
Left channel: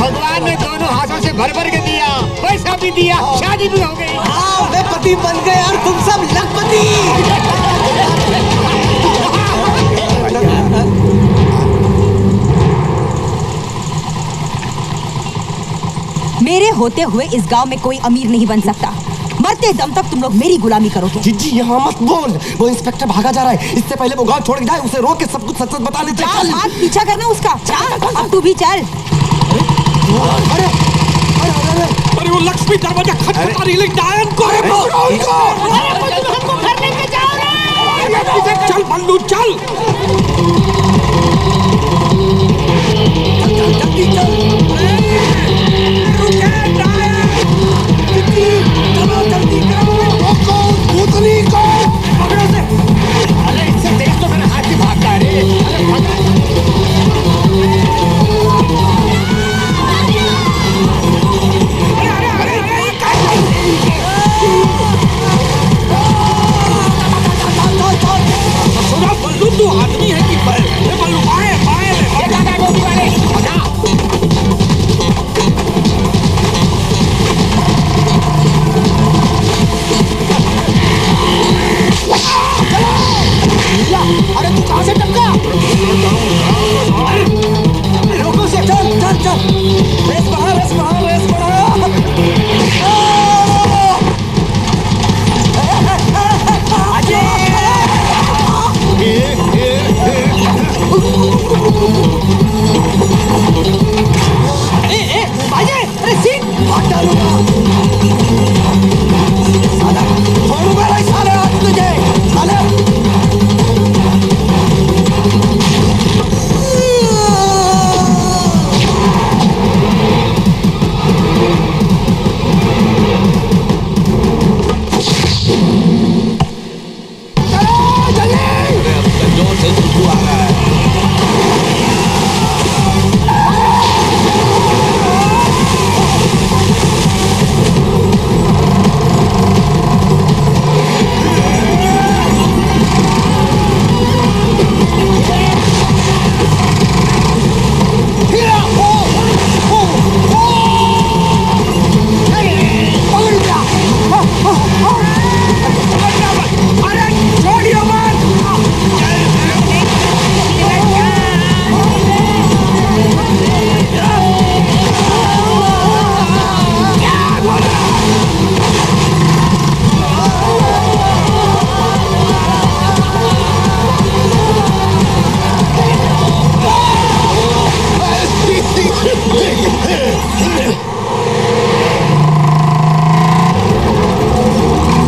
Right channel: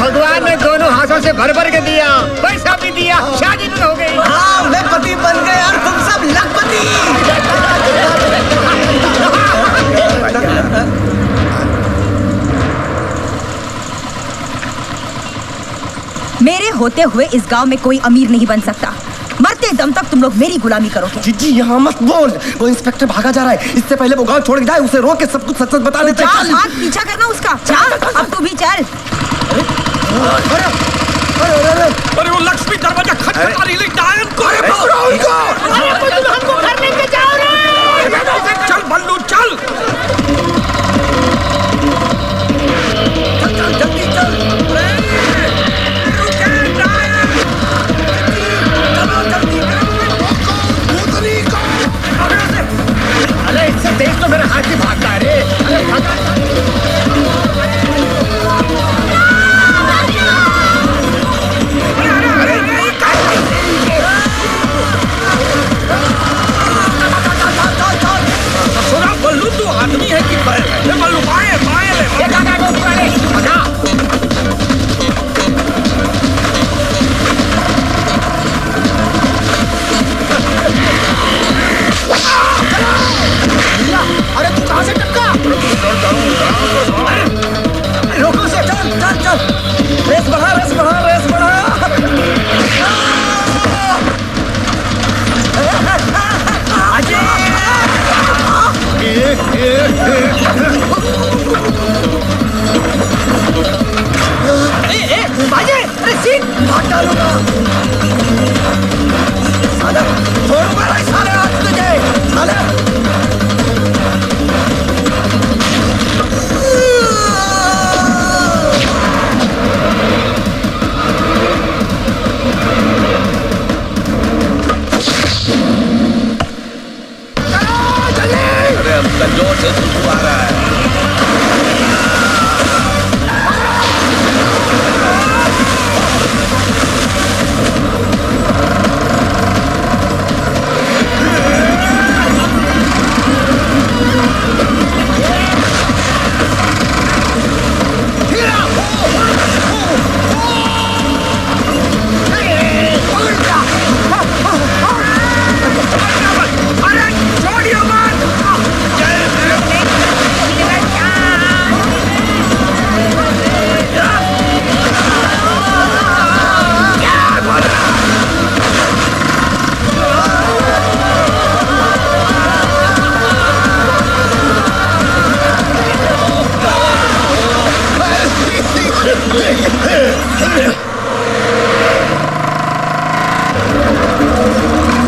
भगवान ने दोनों हाथों से भर भर के दिया, पैसा भी दिया, शादी भी हो गई। हाँ मैं पति बन गया और तुम सब लखपति। मेरे होते हुए इस गांव में कोई अमीर नहीं बन सकता। मरते दम तक तुम लोग मेरी गुलामी करोगे। जीजी यहाँ मत बोल, वो इंस्पेक्टर भागा जा रहा है। इससे पहले वो गांव छोड़ के जाए, उसे रोक के सब कुछ सच सच बता देते। चल भाग, पीछा करना उसका। चल अब तू भी चल। अरे वो लक्ष्मी दरवाजा खटखटा रही है, डायन को है वो। अरे तुम हमको घर लेके जाओ रे। चल बल्लू चल। जल्दी चल। अरे इससे तेज तो मेरा हाथ ही भागता है रे। बल्लू तू आदमी है कि बैल है?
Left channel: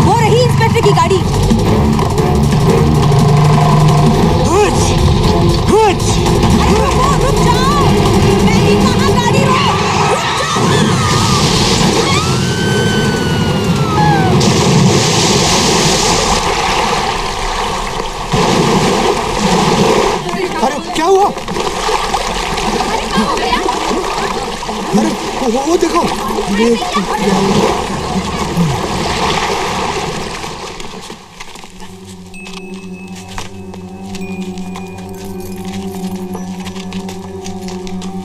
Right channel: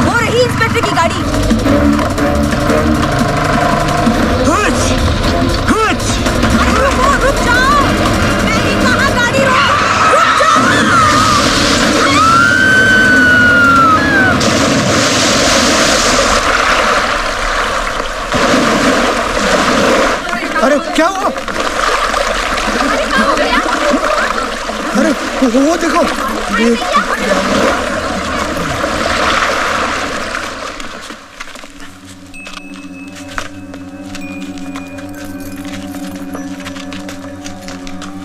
वो रही इंस्पेक्टर की गाड़ी। अरे रुक जाओ, मैंने कहा गाड़ी रुक जाओ। अरे क्या हुआ? अरे वो देखो,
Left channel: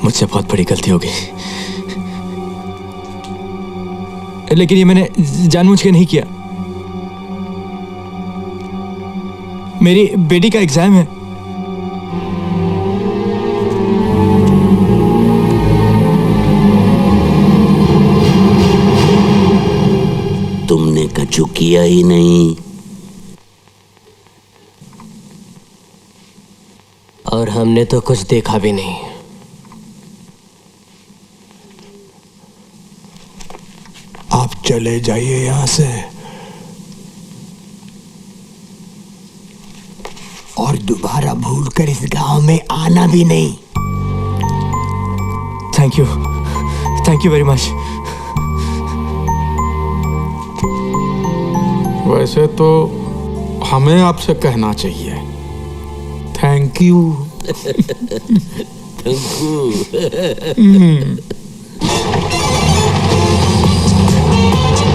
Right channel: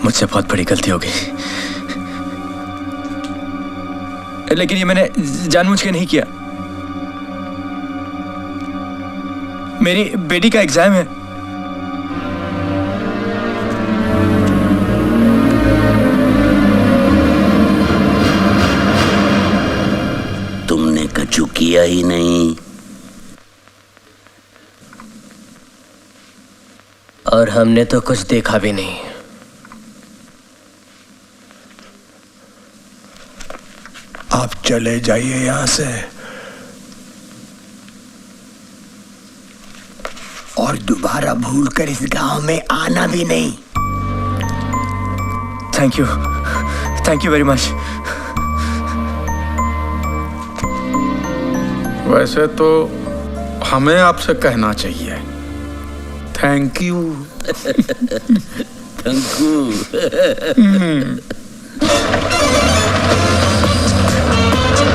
मुझसे बहुत बड़ी गलती हो गई, लेकिन ये मैंने जानबूझ के नहीं किया। मेरी बेटी का एग्जाम है। तुमने कछु किया ही नहीं। और हमने तो कुछ देखा भी नहीं। आप चले जाइए यहां से और दोबारा भूलकर इस गांव में आना भी नहीं। Thank you very much. वैसे तो हमें आपसे कहना चाहिए थैंक यू। Thank you.